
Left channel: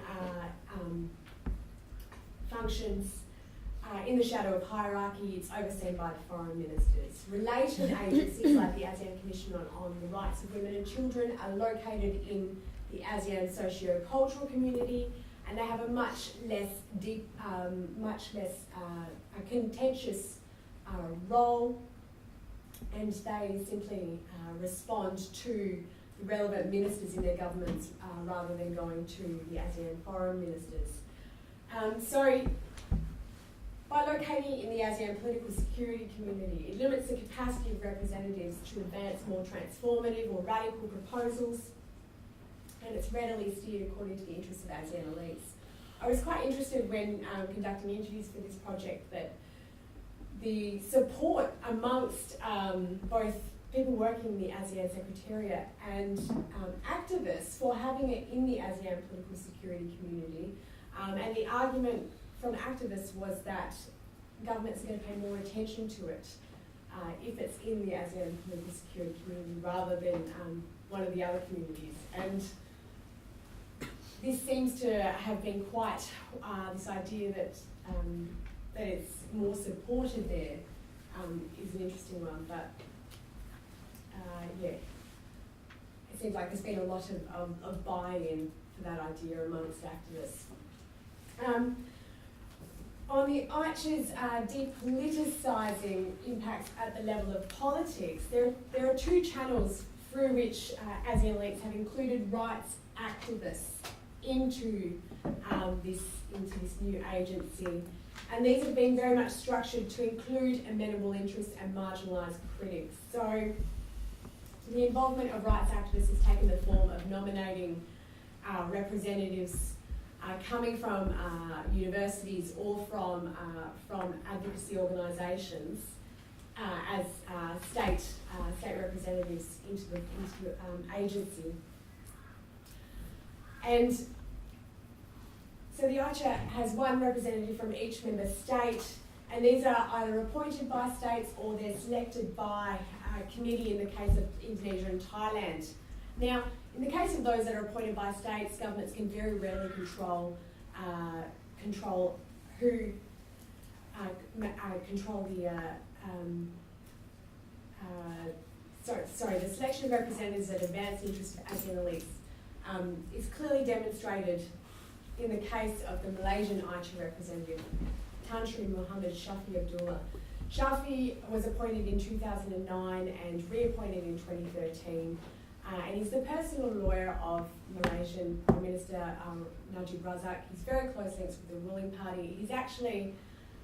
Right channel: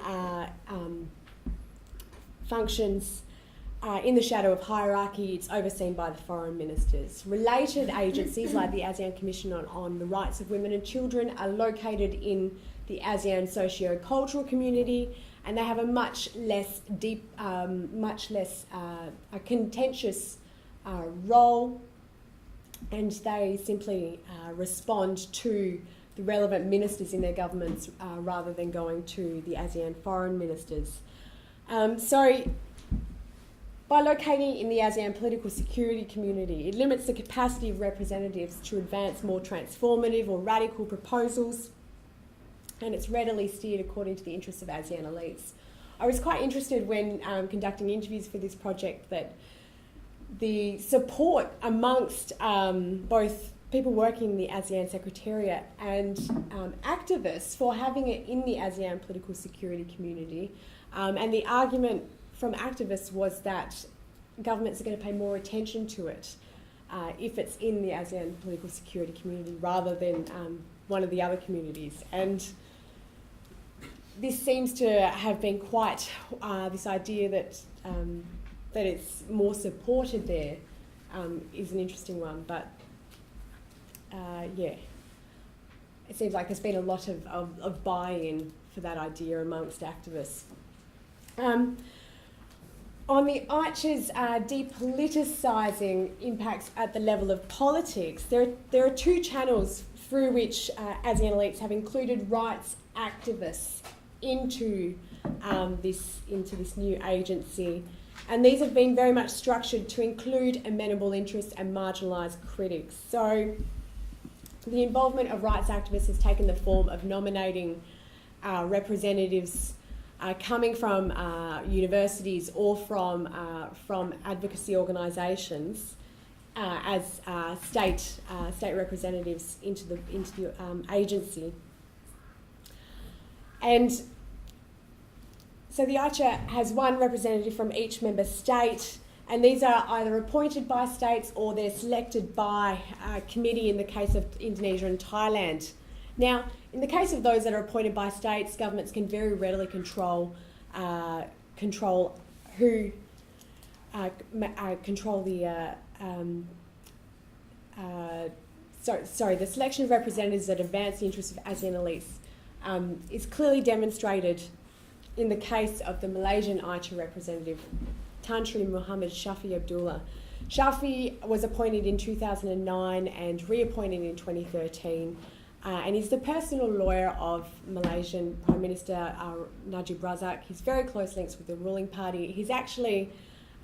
the shadow of hierarchy. It's overseen by the foreign ministers. Related agencies like the ASEAN Commission on the Rights of Women and Children are located in the ASEAN socio-cultural community, and they have a much less contentious role, and they simply respond to the relevant ministers in their governments rather than going to the ASEAN foreign ministers. So by locating in the ASEAN political security community, it limits the capacity of representatives to advance more transformative or radical proposals, and it's readily steered according to the interests of ASEAN elites. I was quite interested when conducting interviews for this project that the support amongst both people working in the ASEAN Secretariat and activists for having it in the ASEAN political security community, and the argument from activists was that governments are going to pay more attention to it if it's in the ASEAN political security community rather than one of the other communities. And this seems to have been quite this idea that it's more supported there is an interesting one. But yeah. it seems like there's been a lot of buy-in for that idea amongst activists. On the AICHR's de-politicising impacts at the level of politics, there are two channels through which ASEAN elites have included rights activists into this new agency, and these have been very much structured to include amenable interests and marginalised critics. So the involvement of rights activists has taken the form of nominating representatives coming from universities or from advocacy organisations as state representatives into the agency. And so the AICHR has one representative from each member state, and these are either appointed by states or they're selected by a committee in the case of Indonesia and Thailand. Now, in the case of those that are appointed by states, governments can very readily control who the selection of representatives that advance the interests of ASEAN elites is clearly demonstrated in the case of the Malaysian AICHR representative, Tan Sri Muhammad Shafi Abdullah. Shafi was appointed in 2009 and reappointed in 2013. And he's the personal lawyer of Malaysian Prime Minister Najib Razak. He's very close links with the ruling party. He's actually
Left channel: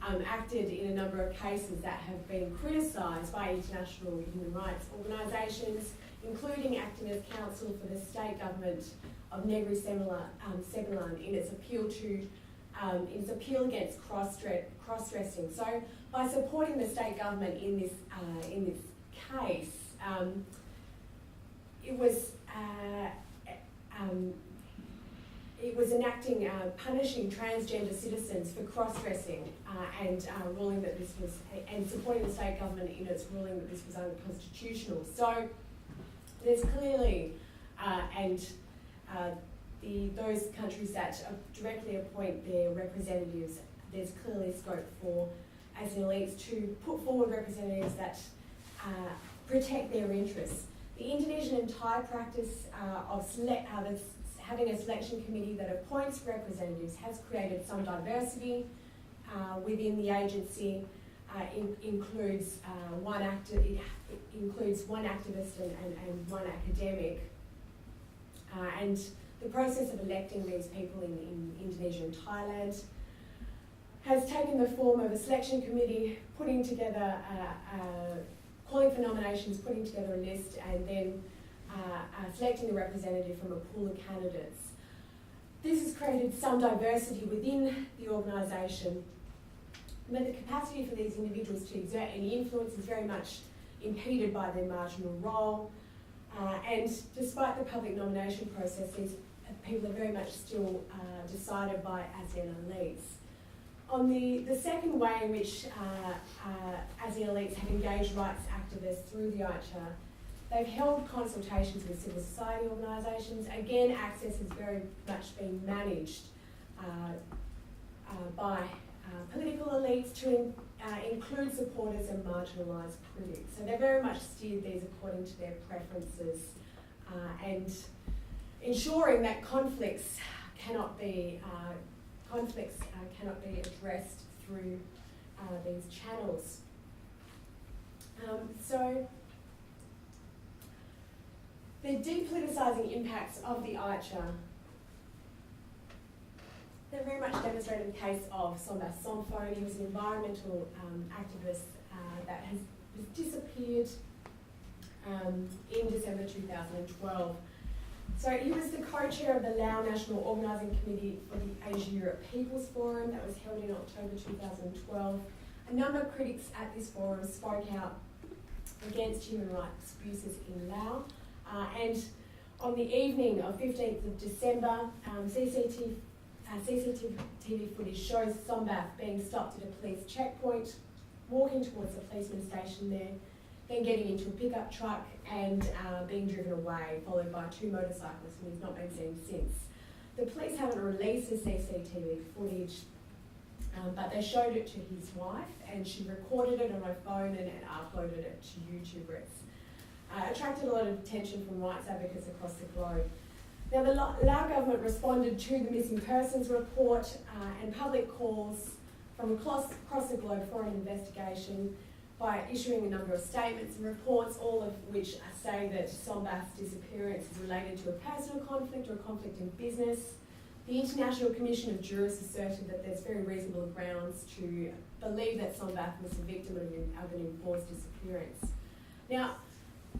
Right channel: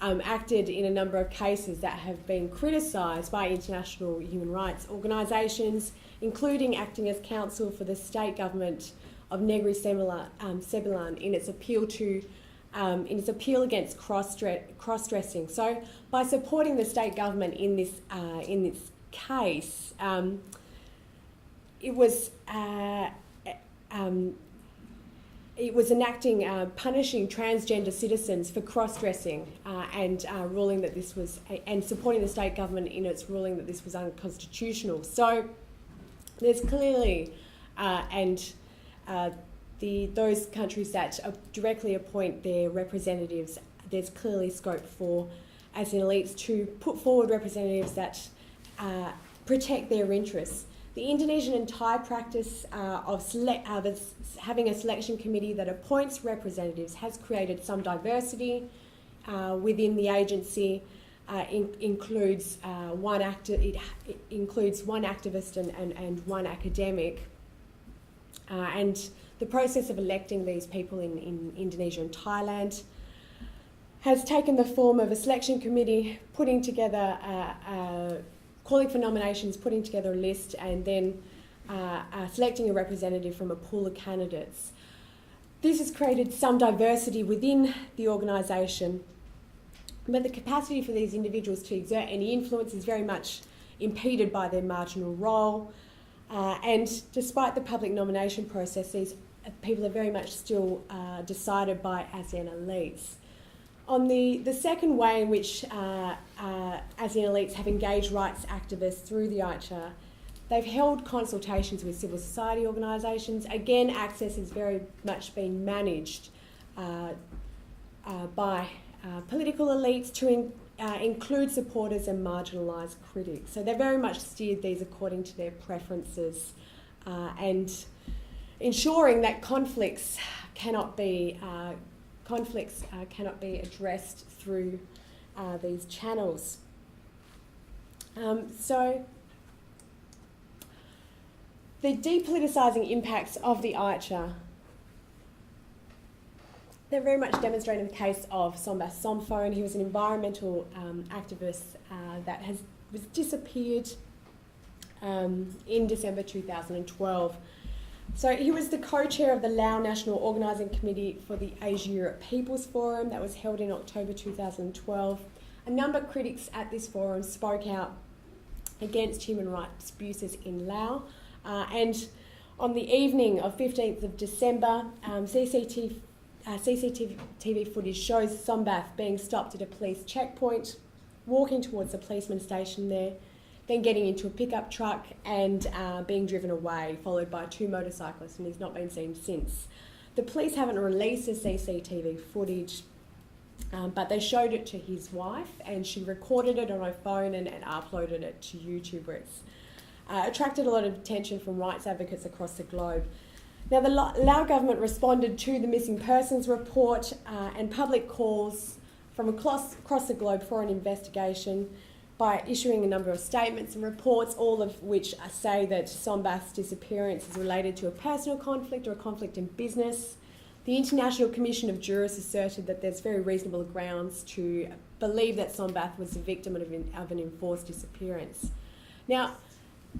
acted in a number of cases that have been criticised by international human rights organisations, including acting as counsel for the state government of Negri Sembilan in its appeal against cross-dressing. So, by supporting the state government in this case. It was enacting, punishing transgender citizens for cross-dressing and ruling that this was, and supporting the state government in its ruling that this was unconstitutional. So there's clearly, those countries that directly appoint their representatives, there's clearly scope for ASEAN elites to put forward representatives that protect their interests. The Indonesian and Thai practice of having a selection committee that appoints representatives has created some diversity within the agency. It includes one activist and one academic. And the process of electing these people in Indonesia and Thailand has taken the form of a selection committee putting together calling for nominations, putting together a list, and then selecting a representative from a pool of candidates. This has created some diversity within the organisation, but the capacity for these individuals to exert any influence is very much impeded by their marginal role. And despite the public nomination process, these people are very much still decided by ASEAN elites. On the second way in which ASEAN elites have engaged rights activists through the AICHR, they've held consultations with civil society organisations. Again, access is very much being managed by political elites to include supporters and marginalised critics. So they've very much steered these according to their preferences and ensuring that conflicts cannot be addressed through these channels. So the de-politicising impacts of the AICHR, they're very much demonstrated in the case of Sombas Somphone. He was an environmental activist that was disappeared in December 2012. So he was the co-chair of the Lao National Organising Committee for the Asia-Europe People's Forum that was held in October 2012. A number of critics at this forum spoke out against human rights abuses in Laos. And on the evening of 15th of December, CCTV footage shows Sombath being stopped at a police checkpoint, walking towards the policeman station there, then getting into a pickup truck and being driven away, followed by two motorcyclists, and he's not been seen since. The police haven't released the CCTV footage, but they showed it to his wife, and she recorded it on her phone and uploaded it to YouTube. attracted a lot of attention from rights advocates across the globe. Now, the Lao government responded to the missing persons report and public calls from across the globe for an investigation by issuing a number of statements and reports, all of which say that Sombath's disappearance is related to a personal conflict or a conflict in business. The International Commission of Jurors asserted that there's very reasonable grounds to believe that Sombath was the victim of an enforced disappearance. Now,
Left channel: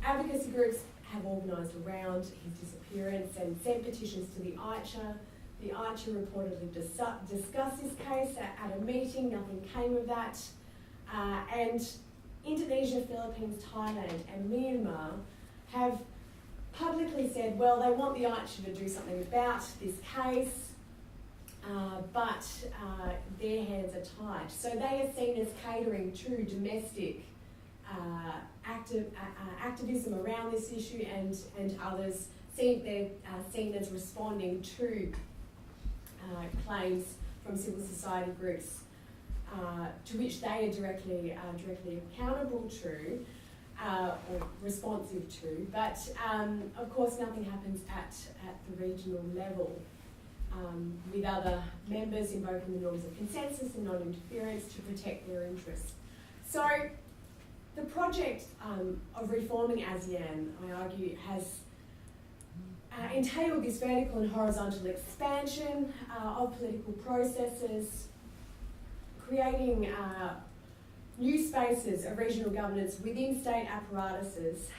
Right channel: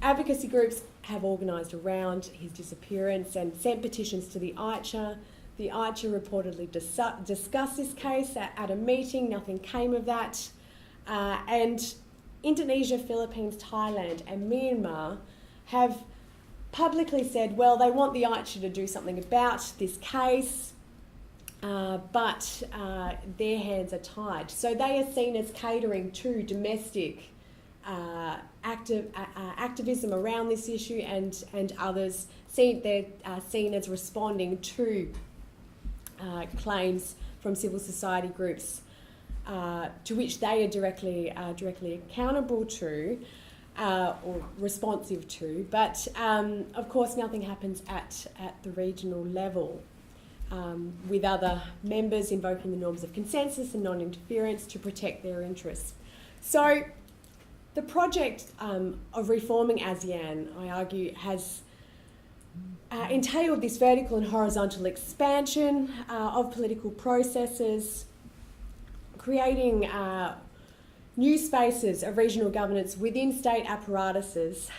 advocacy groups have organised around his disappearance and sent petitions to the AICHR. The AICHR reportedly discussed this case at a meeting. Nothing came of that. And Indonesia, Philippines, Thailand and Myanmar have publicly said, well, they want the AICHR to do something about this case, but their hands are tied. So they are seen as catering to domestic activism around this issue, and others they're seen as responding to claims from civil society groups to which they are directly accountable to or responsive to. But of course, nothing happens at the regional level, with other members invoking the norms of consensus and non-interference to protect their interests. So the project of reforming ASEAN, I argue, has entailed this vertical and horizontal expansion of political processes, creating new spaces of regional governance within state apparatuses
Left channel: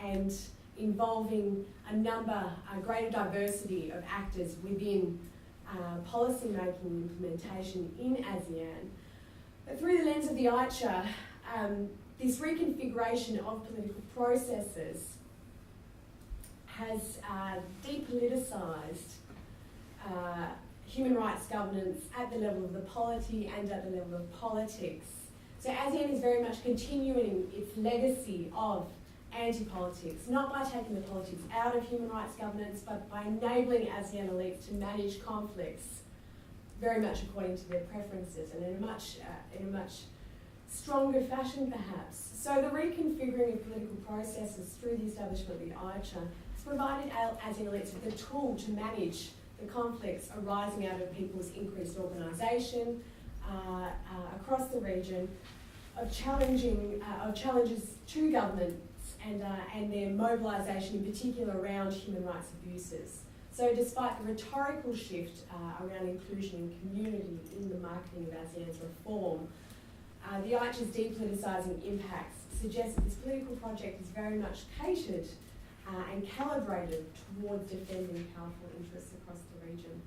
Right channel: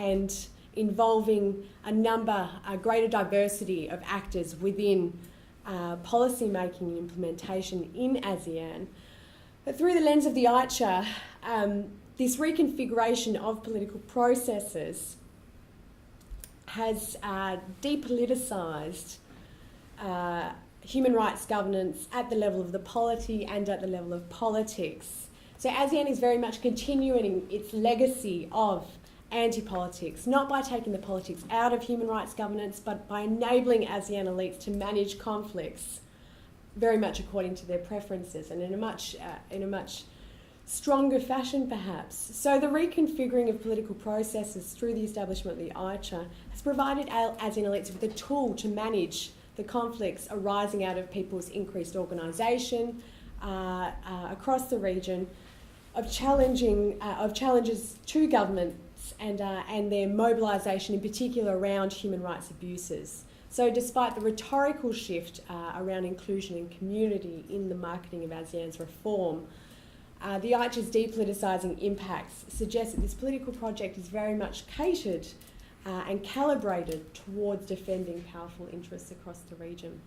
and involving a greater diversity of actors within policy making and implementation in ASEAN. But through the lens of the AICHR, this reconfiguration of political processes has de-politicised human rights governance at the level of the polity and at the level of politics. So ASEAN is very much continuing its legacy of anti-politics, not by taking the politics out of human rights governance, but by enabling ASEAN elites to manage conflicts very much according to their preferences and in a much stronger fashion, perhaps. So the reconfiguring of political processes through the establishment of the AICHR has provided ASEAN elites with a tool to manage the conflicts arising out of people's increased organisation across the region, of challenges to governments and their mobilisation, in particular around human rights abuses. So despite the rhetorical shift around inclusion and community in the marketing of ASEAN's reform, the AICHR's de-politicising impacts suggest that this political project is very much catered and calibrated towards defending powerful interests across the region.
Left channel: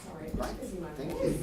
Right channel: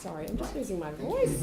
Sorry, I'm just losing my voice.